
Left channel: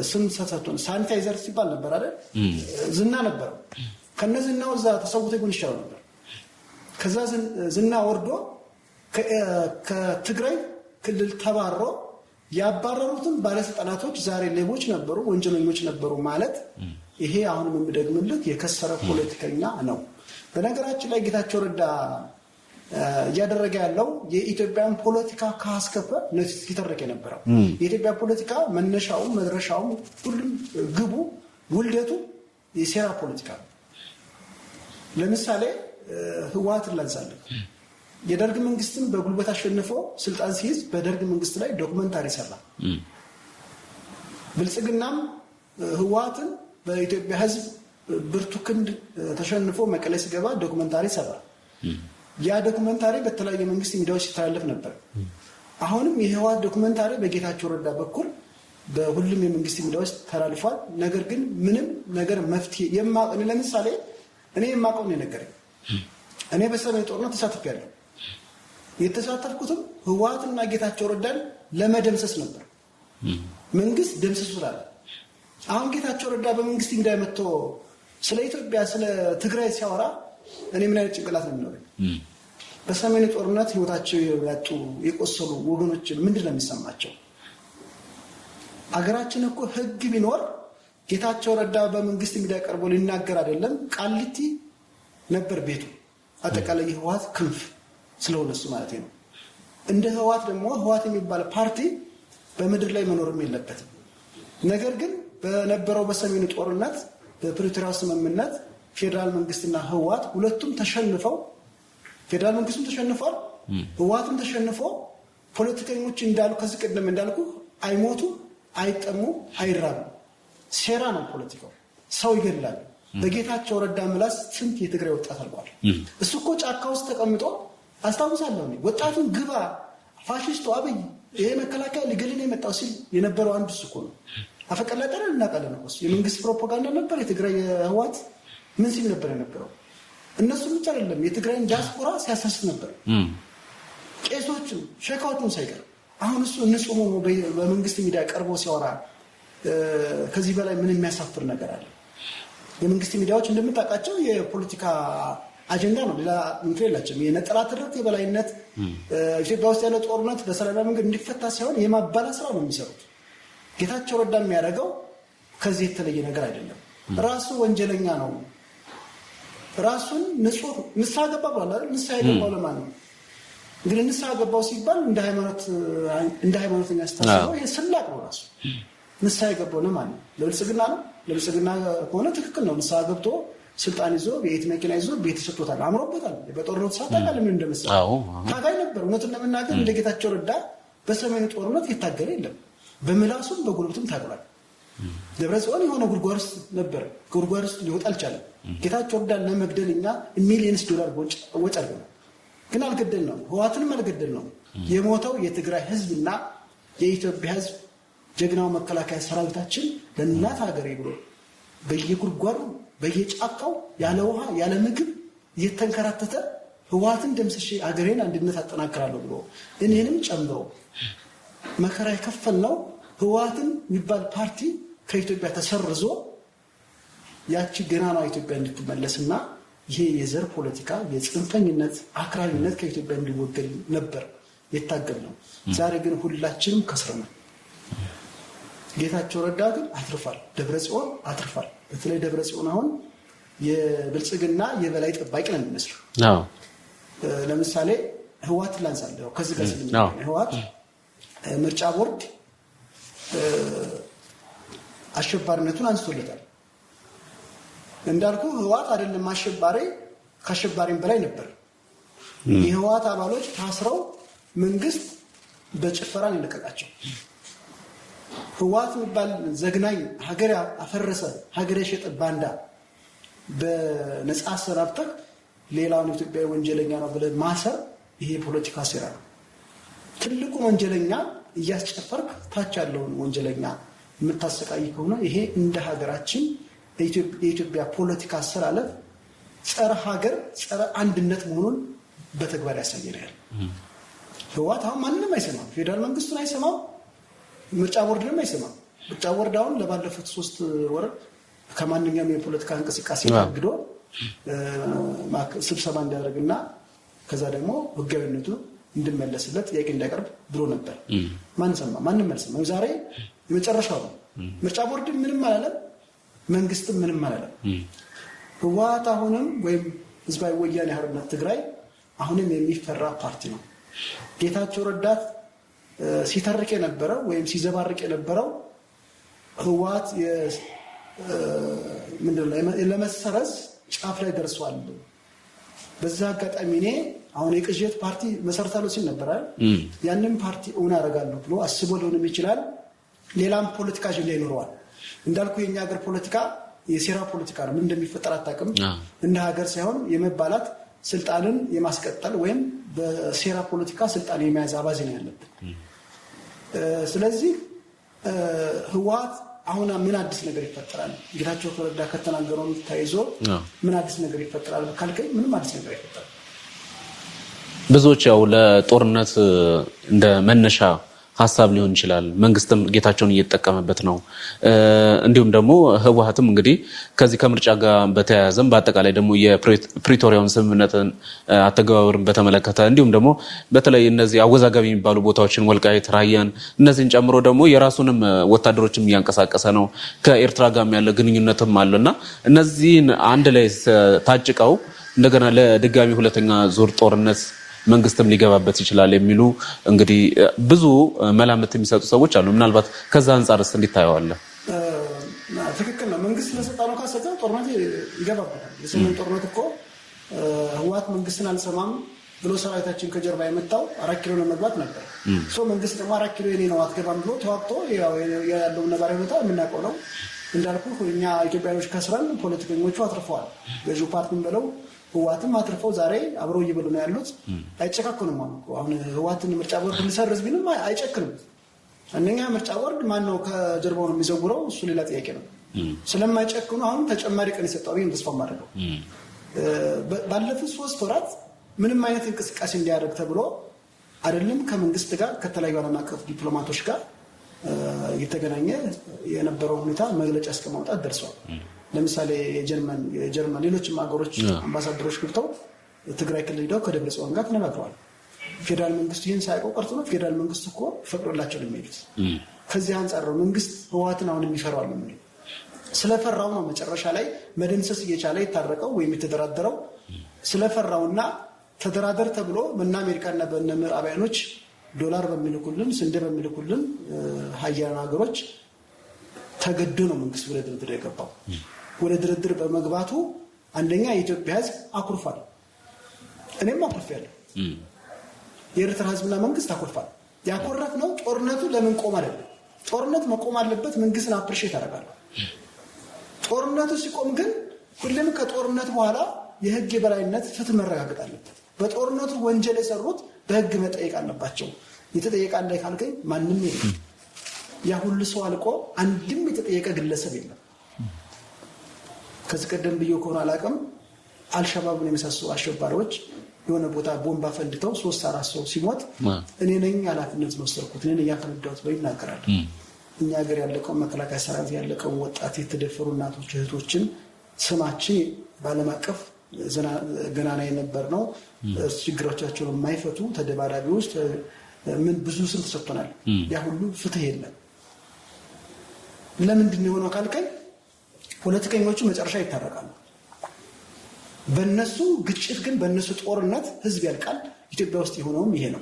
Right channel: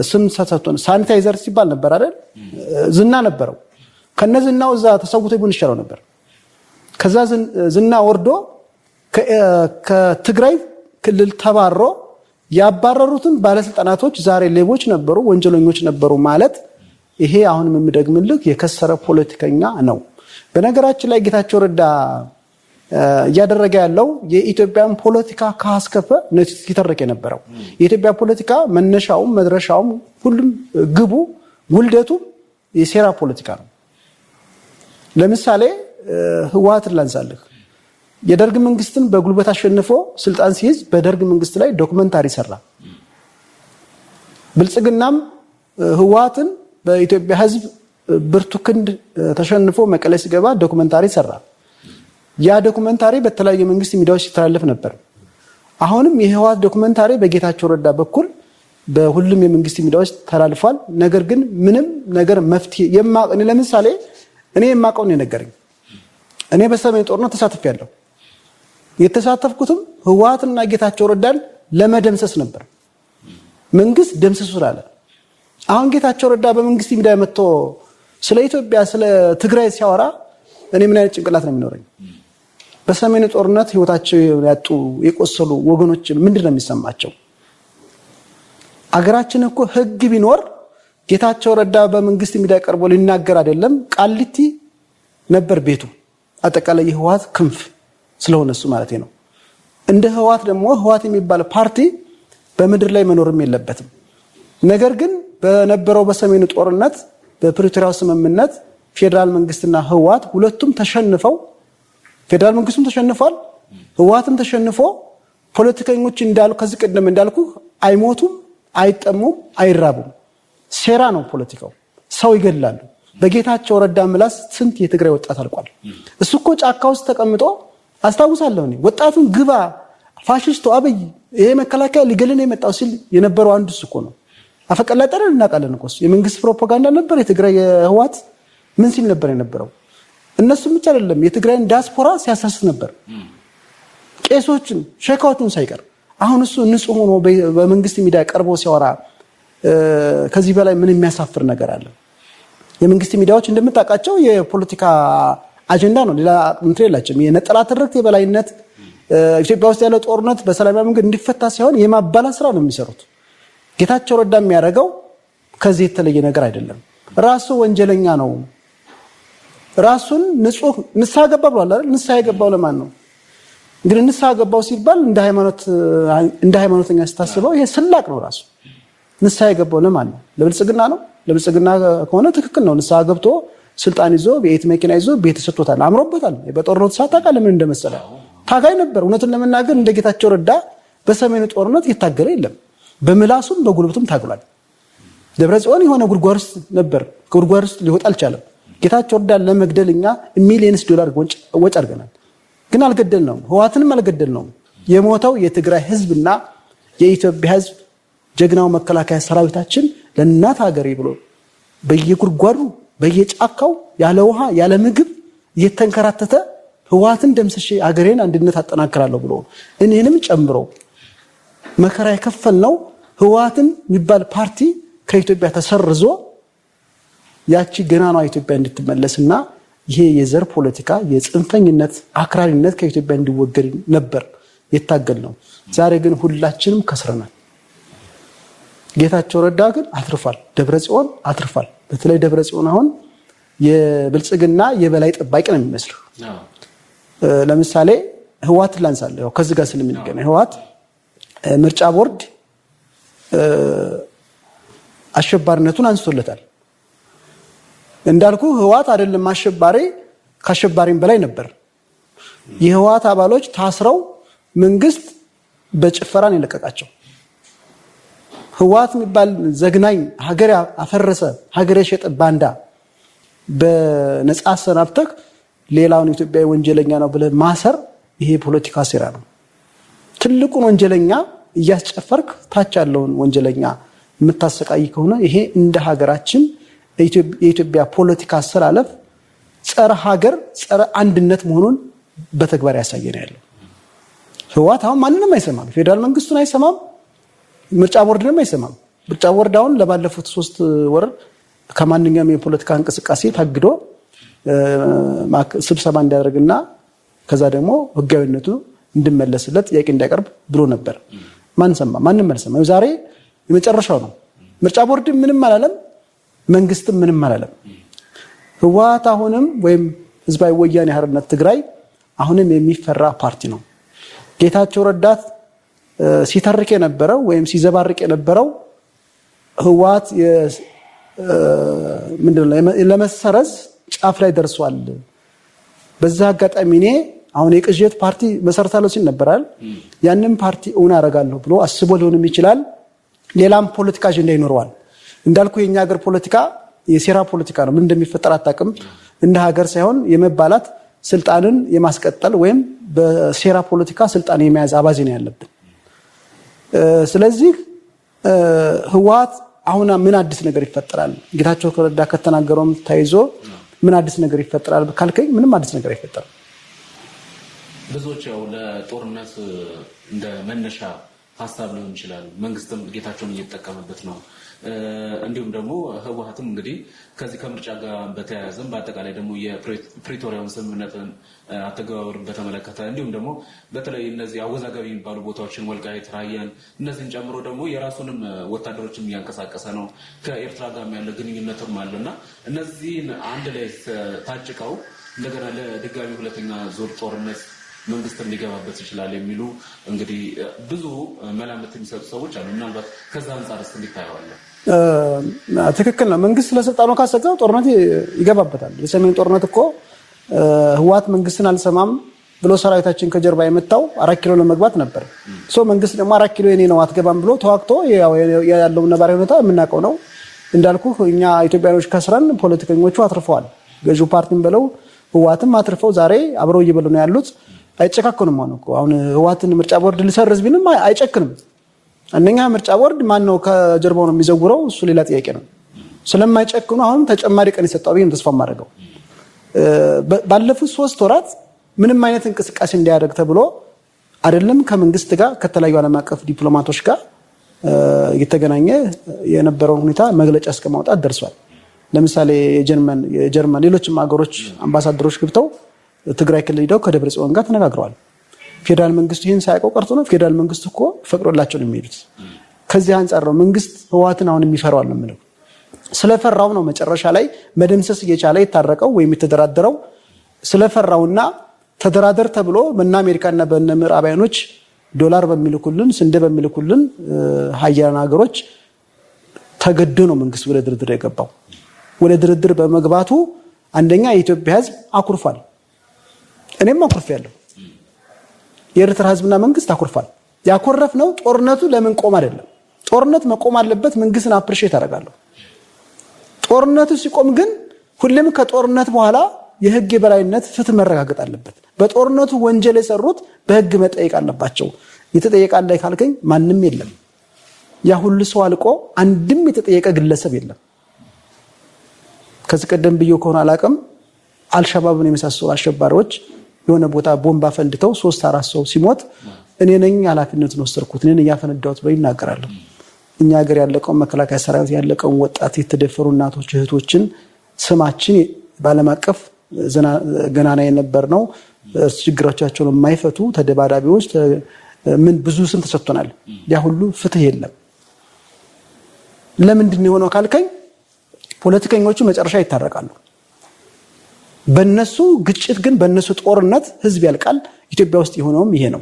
ስም ተሰጥቶን ሳኒታይዘር ሲባል ነበር አይደል? ዝና ነበረው። ከነዝናው እዛ ተሰውቶ ይቡን ይሻለው ነበር። ከዛ ዝና ወርዶ ከትግራይ ክልል ተባሮ ያባረሩትን ባለስልጣናቶች ዛሬ ሌቦች ነበሩ፣ ወንጀለኞች ነበሩ ማለት ይሄ አሁንም የምደግምልህ የከሰረ ፖለቲከኛ ነው። በነገራችን ላይ ጌታቸው ረዳ እያደረገ ያለው የኢትዮጵያን ፖለቲካ ካስከፈ ነው ሲተረክ የነበረው። የኢትዮጵያ ፖለቲካ መነሻውም መድረሻውም ሁሉም ግቡ ውልደቱ የሴራ ፖለቲካ ነው። ለምሳሌ ህወሓትን ላንሳልህ። የደርግ መንግስትን በጉልበት አሸንፎ ስልጣን ሲይዝ በደርግ መንግስት ላይ ዶክመንታሪ ሰራ። ብልጽግናም ህወሓትን በኢትዮጵያ ህዝብ ብርቱ ክንድ ተሸንፎ መቀሌ ሲገባ ዶክመንታሪ ሰራ። ያ ዶክመንታሪ በተለያዩ መንግስት ሚዲያዎች ሲተላለፍ ነበር። አሁንም የህወሓት ዶክመንታሪ በጌታቸው ረዳ በኩል በሁሉም የመንግስት ሚዲያዎች ተላልፏል። ነገር ግን ምንም ነገር መፍትሄ ለምሳሌ እኔ የማውቀውን የነገረኝ እኔ በሰሜን ጦርነት ተሳትፌያለሁ። የተሳተፍኩትም ህወሓትና ጌታቸው ረዳን ለመደምሰስ ነበር። መንግስት ደምስሱ ስላለ አሁን ጌታቸው ረዳ በመንግስት ሚዲያ መጥቶ ስለ ኢትዮጵያ ስለ ትግራይ ሲያወራ እኔ ምን አይነት ጭንቅላት ነው የሚኖረኝ? በሰሜኑ ጦርነት ህይወታቸው ያጡ የቆሰሉ ወገኖች ምንድነው የሚሰማቸው? አገራችን እኮ ህግ ቢኖር ጌታቸው ረዳ በመንግስት ሚዲያ ቀርቦ ሊናገር አይደለም ቃሊቲ ነበር ቤቱ። አጠቃላይ የህወሓት ክንፍ ስለሆነ እሱ ማለት ነው። እንደ ህወሓት ደግሞ ህወሓት የሚባል ፓርቲ በምድር ላይ መኖርም የለበትም። ነገር ግን በነበረው በሰሜኑ ጦርነት በፕሪቶሪያው ስምምነት ፌዴራል መንግስትና ህወሓት ሁለቱም ተሸንፈው ፌዴራል መንግስቱም ተሸንፏል፣ ህወሓትም ተሸንፎ ፖለቲከኞች እንዳሉ ከዚህ ቀደም እንዳልኩ አይሞቱም፣ አይጠሙም፣ አይራቡም። ሴራ ነው ፖለቲካው። ሰው ይገድላሉ። በጌታቸው ረዳ ምላስ ስንት የትግራይ ወጣት አልቋል። እሱ እኮ ጫካ ውስጥ ተቀምጦ አስታውሳለሁ እኔ ወጣቱን ግባ ፋሽስቱ አብይ ይሄ መከላከያ ሊገልን የመጣው ሲል የነበረው አንዱ እሱ እኮ ነው። አፈቀላጠረን እናውቃለን እኮ እሱ የመንግስት ፕሮፓጋንዳ ነበር። የትግራይ የህወሓት ምን ሲል ነበር የነበረው? እነሱም ብቻ አይደለም የትግራይን ዲያስፖራ ሲያሳስብ ነበር፣ ቄሶችን ሸካዎችን ሳይቀር። አሁን እሱ ንጹህ ሆኖ በመንግስት ሚዲያ ቀርቦ ሲያወራ ከዚህ በላይ ምን የሚያሳፍር ነገር አለ? የመንግስት ሚዲያዎች እንደምታውቃቸው የፖለቲካ አጀንዳ ነው፣ ሌላ እንትን የላቸውም። የነጠላ ትርክት የበላይነት ኢትዮጵያ ውስጥ ያለው ጦርነት በሰላማዊ መንገድ እንዲፈታ ሳይሆን የማባላት ስራ ነው የሚሰሩት። ጌታቸው ረዳ የሚያደርገው ከዚህ የተለየ ነገር አይደለም። ራሱ ወንጀለኛ ነው። ራሱን ንጹህ ንስሐ ገባ ብሏል አይደል? ንስሐ የገባው ለማን ነው? እንግዲህ ንስሐ ገባው ሲባል እንደ ሃይማኖተኛ ስታስበው ይሄ ስላቅ ነው። ራሱ ንስሐ የገባው ለማን ነው? ለብልጽግና ነው? ለብልጽግና ከሆነ ትክክል ነው። ንስሐ ገብቶ ስልጣን ይዞ ቤት መኪና ይዞ ቤት ተሰጥቶታል፣ አምሮበታል። በጦርነቱ ሰዓት ታውቃለህ ምን እንደመሰለ ታጋይ ነበር። እውነቱን ለመናገር እንደ ጌታቸው ረዳ በሰሜኑ ጦርነት የታገለ የለም። በምላሱም በጉልበቱም ታግሏል። ደብረጽዮን የሆነ ጉድጓድ ውስጥ ነበር፣ ከጉድጓድ ውስጥ ሊወጣ አልቻለም። ጌታቸው ረዳን ለመግደል እኛ ሚሊየንስ ዶላር ወጪ አድርገናል፣ ግን አልገደልነውም። ህወሓትንም አልገደልነውም። የሞተው የትግራይ ህዝብና የኢትዮጵያ ህዝብ ጀግናው መከላከያ ሰራዊታችን ለእናት ሀገሬ ብሎ በየጉድጓዱ በየጫካው ያለ ውሃ ያለ ምግብ እየተንከራተተ ህወሓትን ደምስሼ አገሬን አንድነት አጠናክራለሁ ብሎ እኔንም ጨምሮ መከራ የከፈልነው ህወሓትን የሚባል ፓርቲ ከኢትዮጵያ ተሰርዞ ያቺ ገናኗ ኢትዮጵያ እንድትመለስና ይሄ የዘር ፖለቲካ የጽንፈኝነት አክራሪነት ከኢትዮጵያ እንዲወገድ ነበር የታገልነው። ዛሬ ግን ሁላችንም ከስረናል። ጌታቸው ረዳ ግን አትርፏል። ደብረጽዮን አትርፏል። በተለይ ደብረጽዮን አሁን የብልጽግና የበላይ ጠባቂ ነው የሚመስለው። ለምሳሌ ህወሓትን ላንሳለሁ ከዚህ ጋር ስለሚገናኝ ህወሓት ምርጫ ቦርድ አሸባሪነቱን አንስቶለታል። እንዳልኩ ህወሓት አይደለም አሸባሪ፣ ከአሸባሪም በላይ ነበር። የህወሓት አባሎች ታስረው መንግስት በጭፈራን የለቀቃቸው። ህወሓት የሚባል ዘግናኝ ሀገር አፈረሰ ሀገር የሸጠ ባንዳ በነጻ አሰናብተህ ሌላውን ኢትዮጵያዊ ወንጀለኛ ነው ብለህ ማሰር ይሄ ፖለቲካ ሴራ ነው። ትልቁን ወንጀለኛ እያስጨፈርክ ታች ያለውን ወንጀለኛ የምታሰቃይ ከሆነ ይሄ እንደ ሀገራችን የኢትዮጵያ ፖለቲካ አሰላለፍ ጸረ ሀገር ጸረ አንድነት መሆኑን በተግባር ያሳየን ያለው። ህወሓት አሁን ማንንም አይሰማም፣ ፌዴራል መንግስቱን አይሰማም፣ ምርጫ ቦርድንም አይሰማም። ምርጫ ቦርድ አሁን ለባለፉት 3 ወር ከማንኛውም የፖለቲካ እንቅስቃሴ ታግዶ ስብሰባ እንዲያደርግና ከዛ ደግሞ ህጋዊነቱ እንዲመለስለት ጥያቄ እንዲያቀርብ ብሎ ነበር። ማን ሰማ? ማንም አልሰማም። ዛሬ የመጨረሻው ነው። ምርጫ ቦርድ ምንም አላለም፣ መንግስትም ምንም አላለም። ህወሓት አሁንም ወይም ህዝባዊ ወያኔ ሓርነት ትግራይ አሁንም የሚፈራ ፓርቲ ነው። ጌታቸው ረዳት ሲተርክ የነበረው ወይም ሲዘባርቅ የነበረው ህወሓት ለመሰረዝ ጫፍ ላይ ደርሷል። በዛ አጋጣሚ እኔ አሁን የቅዠት ፓርቲ መሰረታለሁ ሲል ነበራል። ያንን ፓርቲ እውን አደርጋለሁ ብሎ አስቦ ሊሆንም ይችላል። ሌላም ፖለቲካ አጀንዳ ይኖረዋል። እንዳልኩ የኛ ሀገር ፖለቲካ የሴራ ፖለቲካ ነው። ምን እንደሚፈጠር አታውቅም። እንደ ሀገር ሳይሆን የመባላት ስልጣንን የማስቀጠል ወይም በሴራ ፖለቲካ ስልጣን የመያዝ አባዜ ነው ያለብን። ስለዚህ ህወሓት አሁን ምን አዲስ ነገር ይፈጠራል? ጌታቸው ረዳ ከተናገረውም ተይዞ ምን አዲስ ነገር ይፈጠራል ካልከኝ ምንም አዲስ ነገር አይፈጠርም። ብዙዎች ያው ለጦርነት እንደ መነሻ ሀሳብ ሊሆን ይችላል። መንግስትም ጌታቸውን እየተጠቀመበት ነው። እንዲሁም ደግሞ ህወሓትም እንግዲህ ከዚህ ከምርጫ ጋር በተያያዘም በአጠቃላይ ደግሞ የፕሪቶሪያውን ስምምነትን አተገባበርን በተመለከተ እንዲሁም ደግሞ በተለይ እነዚህ አወዛጋቢ የሚባሉ ቦታዎችን ወልቃይት፣ ራያን እነዚህን ጨምሮ ደግሞ የራሱንም ወታደሮችም እያንቀሳቀሰ ነው። ከኤርትራ ጋር ያለ ግንኙነትም አለና እነዚህን አንድ ላይ ታጭቀው እንደገና ለድጋሚ ሁለተኛ ዙር ጦርነት መንግስትም ሊገባበት ይችላል የሚሉ እንግዲህ ብዙ መላምት የሚሰጡ ሰዎች አሉ። ምናልባት ከዛ አንጻርስ እንዲታየዋለህ? ትክክል ነው። መንግስት ለስልጣኑ ካሰጋው ጦርነት ይገባበታል። የሰሜን ጦርነት እኮ ህወሓት መንግስትን አልሰማም ብሎ ሰራዊታችን ከጀርባ የመታው 4 ኪሎ ለመግባት ነበር። መንግስት ደግሞ 4 ኪሎ የኔ ነው አትገባም ብሎ ተዋግቶ ያለው ነባራዊ ሁኔታ የምናውቀው ነው። እንዳልኩ እኛ ኢትዮጵያኖች ከስረን ፖለቲከኞቹ አትርፈዋል። ገዢው ፓርቲን ብለው ህወሓትም አትርፈው ዛሬ አብረው እየበሉ ነው ያሉት። አይጨካከኑም። አሁን ህወሓትን ምርጫ ቦርድ ሊሰርዝ ቢልም አይጨክንም። አንደኛ ምርጫ ቦርድ ማን ነው ከጀርባው ነው የሚዘውረው? እሱ ሌላ ጥያቄ ነው። ስለማይጨክኑ አሁን ተጨማሪ ቀን የሰጠው ብዬ ተስፋ ማድረገው ባለፉት 3 ወራት ምንም አይነት እንቅስቃሴ እንዲያደርግ ተብሎ አይደለም ከመንግስት ጋር ከተለያዩ ዓለም አቀፍ ዲፕሎማቶች ጋር እየተገናኘ የነበረውን ሁኔታ መግለጫ እስከማውጣት ደርሷል። ለምሳሌ የጀርመን ሌሎችም ሀገሮች አምባሳደሮች ገብተው ትግራይ ክልል ሄደው ከደብረጽዮን ጋር ተነጋግረዋል። ፌዴራል መንግስቱ ይህን ሳያውቀው ቀርቶ ነው። ፌዴራል መንግስቱ እኮ ፈቅዶላቸው ነው የሚሄዱት። ከዚህ አንጻር ነው መንግስት ህወሓትን አሁን የሚፈራዋል ነው የምለው። ስለፈራው ነው መጨረሻ ላይ መደምሰስ እየቻለ የታረቀው ወይም የተደራደረው። ስለፈራውና ተደራደር ተብሎ በእነ አሜሪካና በእነ ምዕራባውያኖች ዶላር በሚልኩልን ስንዴ በሚልኩልን ሀያላን ሀገሮች ተገዶ ነው መንግስት ወደ ድርድር የገባው። ወደ ድርድር በመግባቱ አንደኛ የኢትዮጵያ ህዝብ አኩርፏል። እኔም አኩርፌያለሁ። የኤርትራ ህዝብና መንግስት አኩርፏል። ያኮረፍነው ጦርነቱ ለምን ቆም አይደለም። ጦርነት መቆም አለበት። መንግስትን አፕሪሼት አደርጋለሁ። ጦርነቱ ሲቆም ግን ሁሌም ከጦርነት በኋላ የህግ የበላይነት ፍትህ መረጋገጥ አለበት። በጦርነቱ ወንጀል የሰሩት በህግ መጠየቅ አለባቸው። የተጠየቃለ ካልከኝ ማንም የለም። ያ ሁሉ ሰው አልቆ አንድም የተጠየቀ ግለሰብ የለም። ከዚህ ቀደም ብዬ ከሆነ አላቅም አልሸባብን የመሳሰሉ አሸባሪዎች የሆነ ቦታ ቦምባ ፈንድተው 3-4 ሰው ሲሞት እኔ ነኝ ኃላፊነቱን ወሰድኩት እኔ ነኝ ያፈነዳሁት ብለው ይናገራሉ። እኛ ሀገር ያለቀውን መከላከያ ሰራዊት ያለቀውን ወጣት የተደፈሩ እናቶች እህቶችን ስማችን በዓለም አቀፍ ገናና የነበር ነው። ችግሮቻቸውን የማይፈቱ ተደባዳቢዎች ምን ብዙ ስም ተሰጥቶናል። ያ ሁሉ ፍትህ የለም። ለምንድን ነው የሆነው ካልከኝ ፖለቲከኞቹ መጨረሻ ይታረቃሉ። በእነሱ ግጭት ግን በእነሱ ጦርነት ህዝብ ያልቃል። ኢትዮጵያ ውስጥ የሆነውም ይሄ ነው።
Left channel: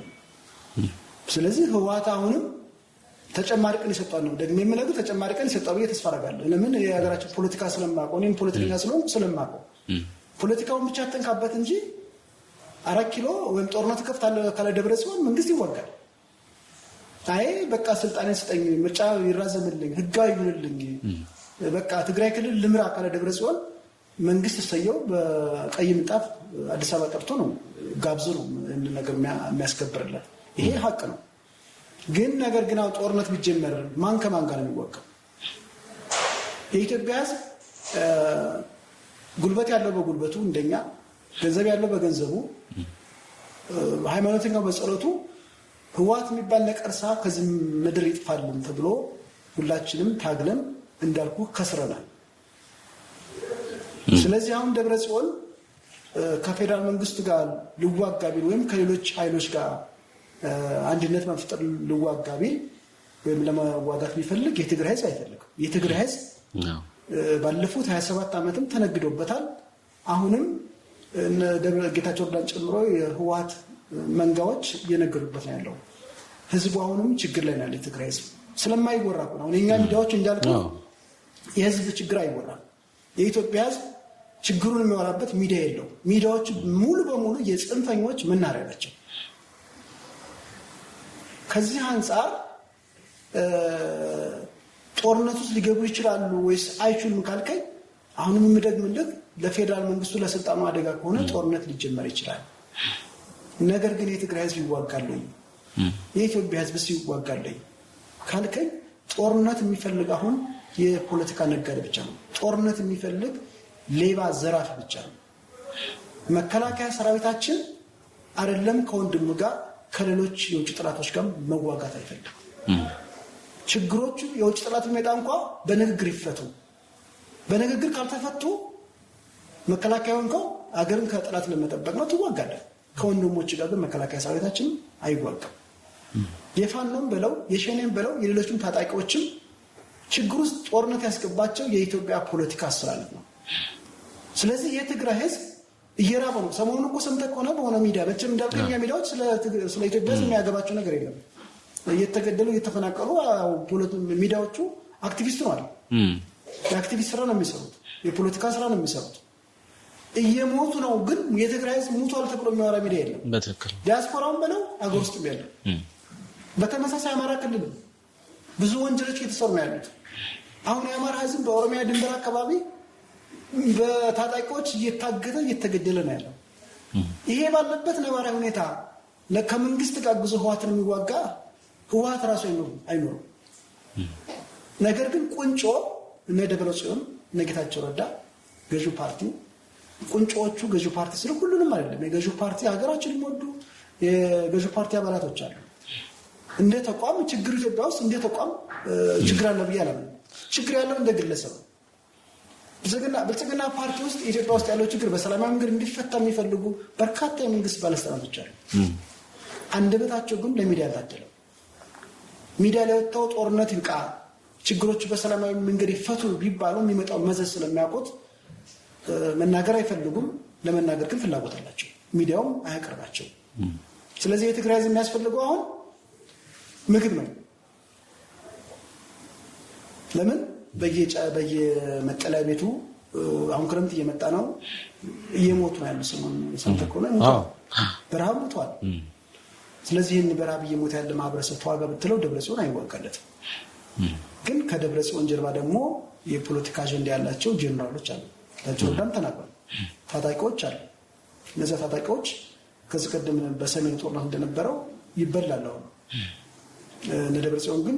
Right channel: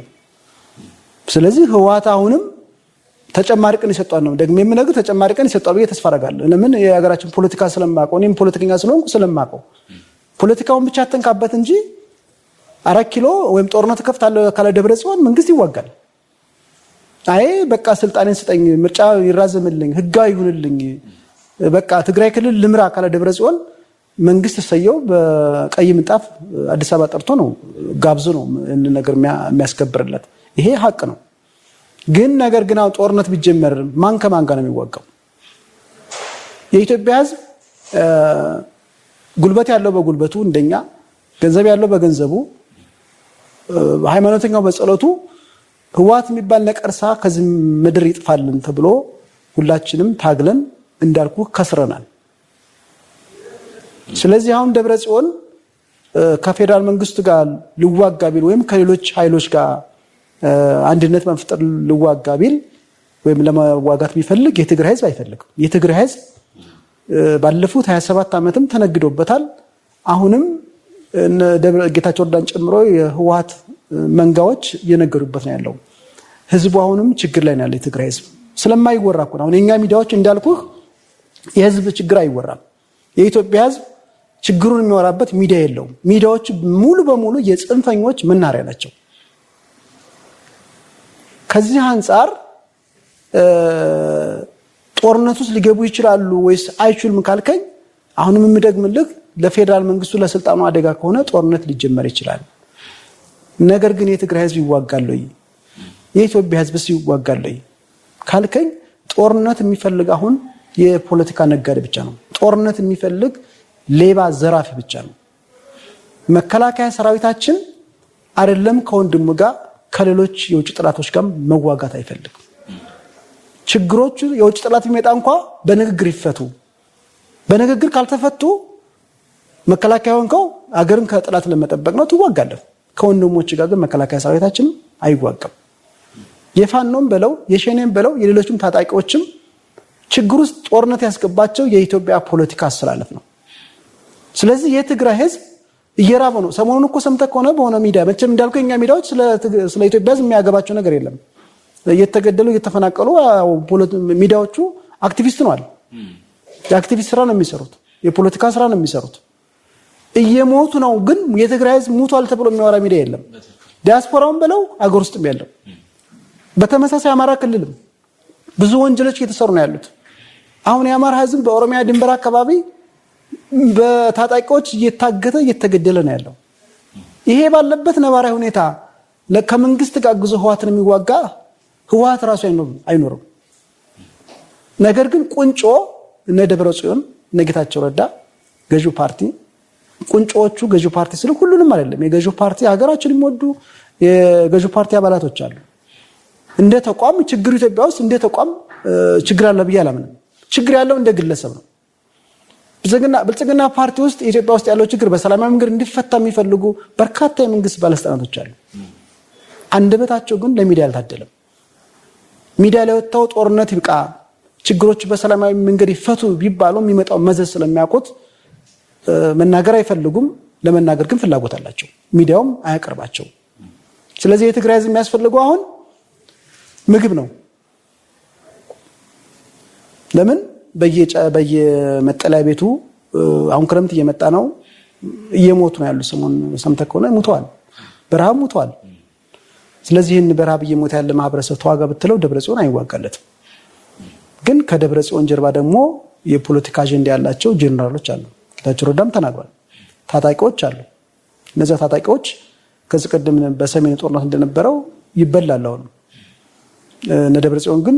ስለዚህ ህወሓት አሁንም ተጨማሪ ቀን ይሰጣል ነው ደግሞ የምነግርህ ተጨማሪ ቀን ይሰጣል ብዬ ተስፋ አደርጋለሁ። ለምን የሀገራችን ፖለቲካ ስለማውቀው እኔም ፖለቲከኛ ስለሆንኩ ስለማውቀው ፖለቲካውን ብቻ አተንካበት እንጂ 4 ኪሎ ወይም ጦርነት ከፍታለሁ ካለ ደብረጽዮን መንግስት ይዋጋል። አይ በቃ ስልጣኔን ስጠኝ፣ ምርጫ ይራዘምልኝ፣ ህጋዊ ይሁንልኝ፣ በቃ ትግራይ ክልል ልምራ ካለ ደብረጽዮን መንግስት ሰየው በቀይ ምንጣፍ አዲስ አበባ ጠርቶ ነው ጋብዞ ነው እነ ነገር የሚያስከብርለት። ይሄ ሀቅ ነው። ግን ነገር ግን ጦርነት ቢጀመር ማን ከማን ጋር ነው የሚዋጋው? የኢትዮጵያ ህዝብ ጉልበት ያለው በጉልበቱ እንደኛ፣ ገንዘብ ያለው በገንዘቡ፣ ሃይማኖተኛው በጸሎቱ ህወሓት የሚባል ነቀርሳ ከዚህ ምድር ይጥፋልን ተብሎ ሁላችንም ታግለን እንዳልኩ ከስረናል። ስለዚህ አሁን ደብረጽዮን ከፌዴራል መንግስቱ ጋር ልዋጋ ቢል ወይም ከሌሎች ኃይሎች ጋር አንድነት መፍጠር ልዋጋ ቢል ወይም ለመዋጋት ቢፈልግ የትግራይ ህዝብ አይፈልግም። የትግራይ ህዝብ ባለፉት 27 ዓመትም ተነግዶበታል። አሁንም ጌታቸው ረዳን ጨምሮ የህወሓት መንጋዎች እየነገዱበት ነው ያለው። ህዝቡ አሁንም ችግር ላይ ነው ያለው። የትግራይ ህዝብ ስለማይወራ እኮ ነው። አሁን የኛ ሚዲያዎች እንዳልኩ የህዝብ ችግር አይወራም። የኢትዮጵያ ህዝብ ችግሩን የሚወራበት ሚዲያ የለውም። ሚዲያዎች ሙሉ በሙሉ የጽንፈኞች መናሪያ ናቸው። ከዚህ አንጻር ጦርነት ውስጥ ሊገቡ ይችላሉ ወይስ አይችሉም ካልከኝ አሁንም የምደግምልህ ለፌዴራል መንግስቱ ለስልጣኑ አደጋ ከሆነ ጦርነት ሊጀመር ይችላል። ነገር ግን የትግራይ ህዝብ ይዋጋል ወይ? የኢትዮጵያ ህዝብስ ይዋጋል ወይ ካልከኝ ጦርነት የሚፈልግ አሁን የፖለቲካ ነጋዴ ብቻ ነው። ጦርነት የሚፈልግ ሌባ ዘራፊ ብቻ ነው። መከላከያ ሰራዊታችን አይደለም ከወንድሙ ጋር ከሌሎች የውጭ ጥላቶች ጋር መዋጋት አይፈልግም። ችግሮቹ የውጭ ጠላት ቢመጣ እንኳን በንግግር ይፈቱ። በንግግር ካልተፈቱ መከላከያ ሆንከው አገርን ከጠላት ለመጠበቅ ነው ትዋጋለህ። ከወንድሞች ጋር ግን መከላከያ ሰራዊታችን አይዋጋም። የፋኖም በለው የሸኔም በለው የሌሎችም ታጣቂዎችም ችግር ውስጥ ጦርነት ያስገባቸው የኢትዮጵያ ፖለቲካ አስተላለፍ ነው። ስለዚህ የትግራይ ህዝብ እየራበ ነው። ሰሞኑን እኮ ሰምተህ ከሆነ በሆነ ሚዲያ መቼም እንዳልከው የኛ ሚዲያዎች ስለ ኢትዮጵያ ህዝብ የሚያገባቸው ነገር የለም። እየተገደሉ እየተፈናቀሉ ሚዲያዎቹ አክቲቪስት ነዋል። የአክቲቪስት ስራ ነው የሚሰሩት፣ የፖለቲካ ስራ ነው የሚሰሩት። እየሞቱ ነው። ግን የትግራይ ህዝብ ሙቷል ተብሎ የሚያወራ ሚዲያ የለም። ዲያስፖራውን በለው አገር ውስጥም ያለው በተመሳሳይ አማራ ክልልም ብዙ ወንጀሎች እየተሰሩ ነው ያሉት። አሁን የአማራ ህዝብ በኦሮሚያ ድንበር አካባቢ በታጣቂዎች እየታገተ እየተገደለ ነው ያለው። ይሄ ባለበት ነባራዊ ሁኔታ ከመንግስት ጋር አግዞ ህወሓትን የሚዋጋ ህወሓት ራሱ አይኖርም። ነገር ግን ቁንጮ እነ ደብረጽዮን እነ ጌታቸው ረዳ ገዢው ፓርቲ ቁንጮዎቹ ገዢው ፓርቲ ስለ ሁሉንም አይደለም። የገዢው ፓርቲ ሀገራችን የሚወዱ የገዢው ፓርቲ አባላቶች አሉ። እንደ ተቋም ችግሩ ኢትዮጵያ ውስጥ እንደ ተቋም ችግር አለ ብዬ አላምንም። ችግር ያለው እንደ ግለሰብ ነው። ብልጽግና ፓርቲ ውስጥ ኢትዮጵያ ውስጥ ያለው ችግር በሰላማዊ መንገድ እንዲፈታ የሚፈልጉ በርካታ የመንግስት ባለስልጣናቶች አሉ። አንደበታቸው ግን ለሚዲያ አልታደለም። ሚዲያ ላይ ወጥተው ጦርነት ይብቃ፣ ችግሮች በሰላማዊ መንገድ ይፈቱ ቢባሉ የሚመጣው መዘዝ ስለሚያውቁት መናገር አይፈልጉም። ለመናገር ግን ፍላጎት አላቸው። ሚዲያውም አያቀርባቸው። ስለዚህ የትግራይ ህዝብ የሚያስፈልገው አሁን ምግብ ነው። ለምን በየመጠለያ ቤቱ አሁን ክረምት እየመጣ ነው፣ እየሞቱ ነው ያሉ። ሰሞኑን ሰምተህ ከሆነ ሙተዋል፣ በረሃብ ሙተዋል። ስለዚህ ይህን በረሃብ እየሞተ ያለ ማህበረሰብ ተዋጋ ብትለው ደብረጽዮን አይዋጋለትም። ግን ከደብረጽዮን ጀርባ ደግሞ የፖለቲካ አጀንዳ ያላቸው ጄኔራሎች አሉ። ጌታቸው ረዳም ተናግሯል። ታጣቂዎች አሉ። እነዚያ ታጣቂዎች ከዚህ ቀደም በሰሜን ጦርነት እንደነበረው ይበላል። አሁን እነ ደብረጽዮን ግን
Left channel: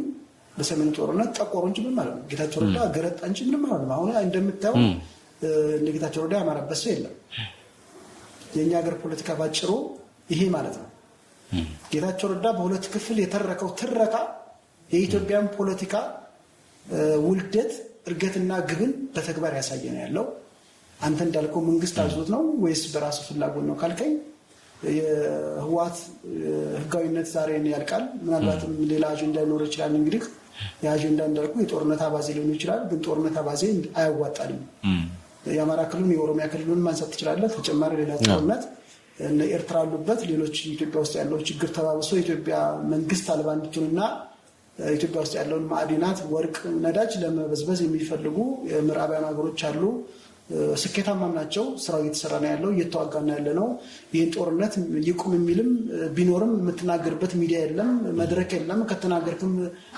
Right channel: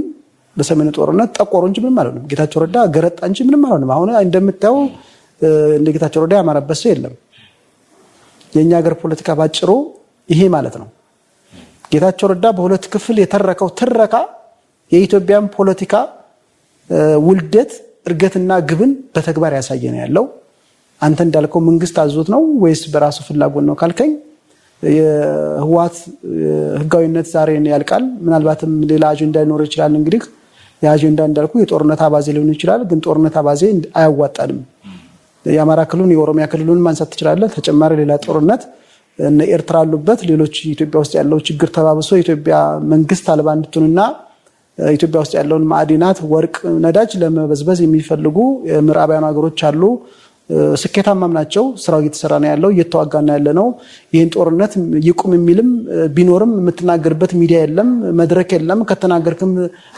በሰሜን ጦርነት ጠቆሩ እንጂ ምንም አልሆነም። ጌታቸው ረዳ ገረጣ እንጂ ምንም አልሆነም። አሁን እንደምታየው እንደ ጌታቸው ረዳ ያማረበት ሰው የለም። የኛ ሀገር ፖለቲካ ባጭሩ ይሄ ማለት ነው። ጌታቸው ረዳ በሁለት ክፍል የተረከው ትረካ የኢትዮጵያን ፖለቲካ ውልደት እርገትና ግብን በተግባር ያሳየ ነው ያለው። አንተ እንዳልከው መንግስት አዞት ነው ወይስ በራሱ ፍላጎት ነው ካልከኝ የህወሓት ህጋዊነት ዛሬ ያልቃል። ምናልባትም ሌላ አጀንዳ ሊኖር ይችላል። እንግዲህ የአጀንዳ እንዳልኩ የጦርነት አባዜ ሊሆን ይችላል። ግን ጦርነት አባዜ አያዋጣንም። የአማራ ክልሉን የኦሮሚያ ክልሉን ማንሳት ትችላለህ። ተጨማሪ ሌላ ጦርነት እነ ኤርትራ አሉበት። ሌሎች ኢትዮጵያ ውስጥ ያለው ችግር ተባብሶ ኢትዮጵያ መንግስት አልባ እንድትሆንና ኢትዮጵያ ውስጥ ያለውን ማዕድናት፣ ወርቅ፣ ነዳጅ ለመበዝበዝ የሚፈልጉ ምዕራባውያን ሀገሮች አሉ። ስኬታማም ናቸው። ስራው እየተሰራ ነው ያለው፣ እየተዋጋ ነው ያለ ነው። ይህን ጦርነት ይቁም የሚልም ቢኖርም የምትናገርበት ሚዲያ የለም፣ መድረክ የለም። ከተናገርክም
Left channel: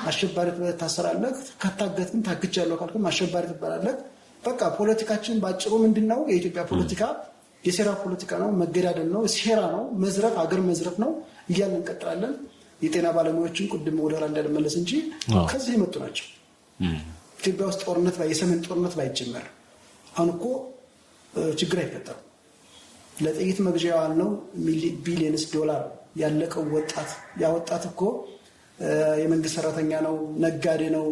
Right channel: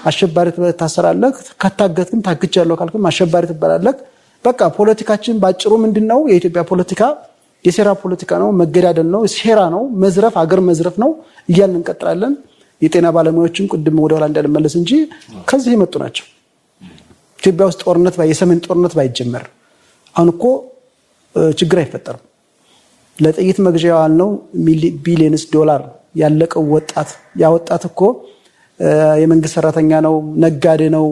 አሸባሪ ታሰራለህ፣ ከታገትክም ታግቻለሁ ካልክም አሸባሪ ትባላለህ። በቃ ፖለቲካችን ባጭሩ ምንድን ነው? የኢትዮጵያ ፖለቲካ የሴራ ፖለቲካ ነው፣ መገዳደል ነው፣ ሴራ ነው፣ መዝረፍ፣ አገር መዝረፍ ነው እያልን እንቀጥላለን። የጤና ባለሙያዎችን ቅድም ወደ ኋላ እንዳልመለስ እንጂ ከዚህ የመጡ ናቸው። ኢትዮጵያ ውስጥ ጦርነት የሰሜን ጦርነት ባይጀመር አሁን እኮ ችግር አይፈጠርም። ለጥይት መግዣ ያልነው ቢሊየንስ ዶላር ያለቀው ወጣት ያ ወጣት እኮ የመንግስት ሰራተኛ ነው፣ ነጋዴ ነው።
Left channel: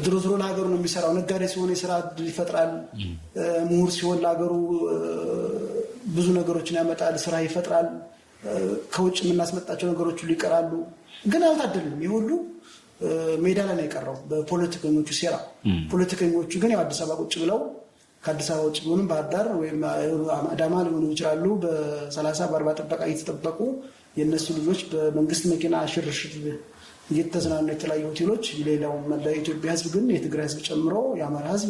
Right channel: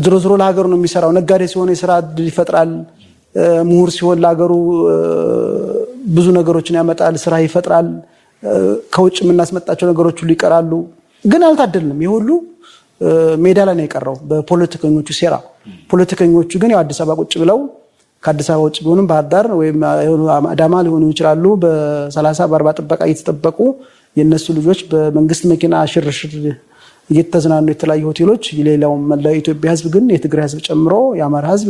ዝሮ ዝሮ ለሀገሩ ነው የሚሰራው። ነጋዴ ሲሆን የስራ እድል ይፈጥራል። ምሁር ሲሆን ለሀገሩ ብዙ ነገሮችን ያመጣል፣ ስራ ይፈጥራል። ከውጭ የምናስመጣቸው ነገሮች ሁሉ ይቀራሉ። ግን አልታደልንም። ይህ ሁሉ ሜዳ ላይ ነው የቀረው በፖለቲከኞቹ ሴራ። ፖለቲከኞቹ ግን ያው አዲስ አበባ ቁጭ ብለው ከአዲስ አበባ ውጭ ቢሆንም ባህር ዳር ወይም አዳማ ሊሆኑ ይችላሉ። በ30 በ40 ጥበቃ እየተጠበቁ የእነሱ ልጆች በመንግስት መኪና ሽርሽር እየተዝናኑ የተለያዩ ሆቴሎች። ሌላው መላው የኢትዮጵያ ህዝብ ግን የትግራይ ህዝብ ጨምሮ የአማራ ህዝብ፣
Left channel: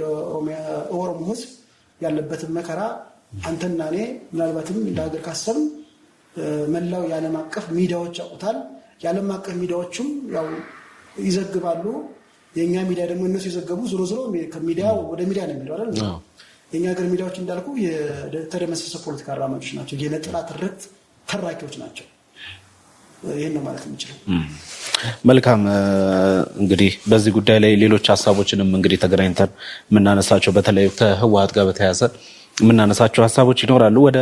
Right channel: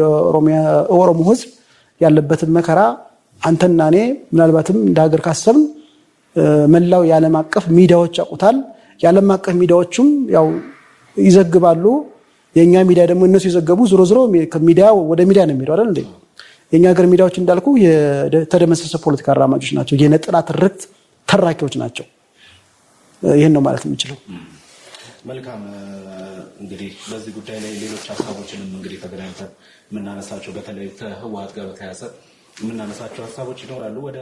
የኦሮሞ ህዝብ ያለበትን መከራ አንተና እኔ ምናልባትም እንደ ሀገር ካሰብን መላው የዓለም አቀፍ ሚዲያዎች ያውቁታል። የዓለም አቀፍ ሚዲያዎቹም ያው ይዘግባሉ። የኛ ሚዲያ ደግሞ እነሱ የዘገቡ ዞሮ ዞሮ ሚዲያ ወደ ሚዲያ ነው የሚሄደው አይደል እንዴ? የኛ ሀገር ሚዲያዎች እንዳልኩ የተደመሰሰ ፖለቲካ አራማጆች ናቸው። የነጠላ ትርክት ተራኪዎች ናቸው። ይህን ነው ማለት የምችለው። መልካም። እንግዲህ በዚህ ጉዳይ ላይ ሌሎች ሀሳቦችንም እንግዲህ ተገናኝተን የምናነሳቸው በተለይ ከህወሓት ጋር በተያያዘ የምናነሳቸው ሀሳቦች ይኖራሉ። ወደ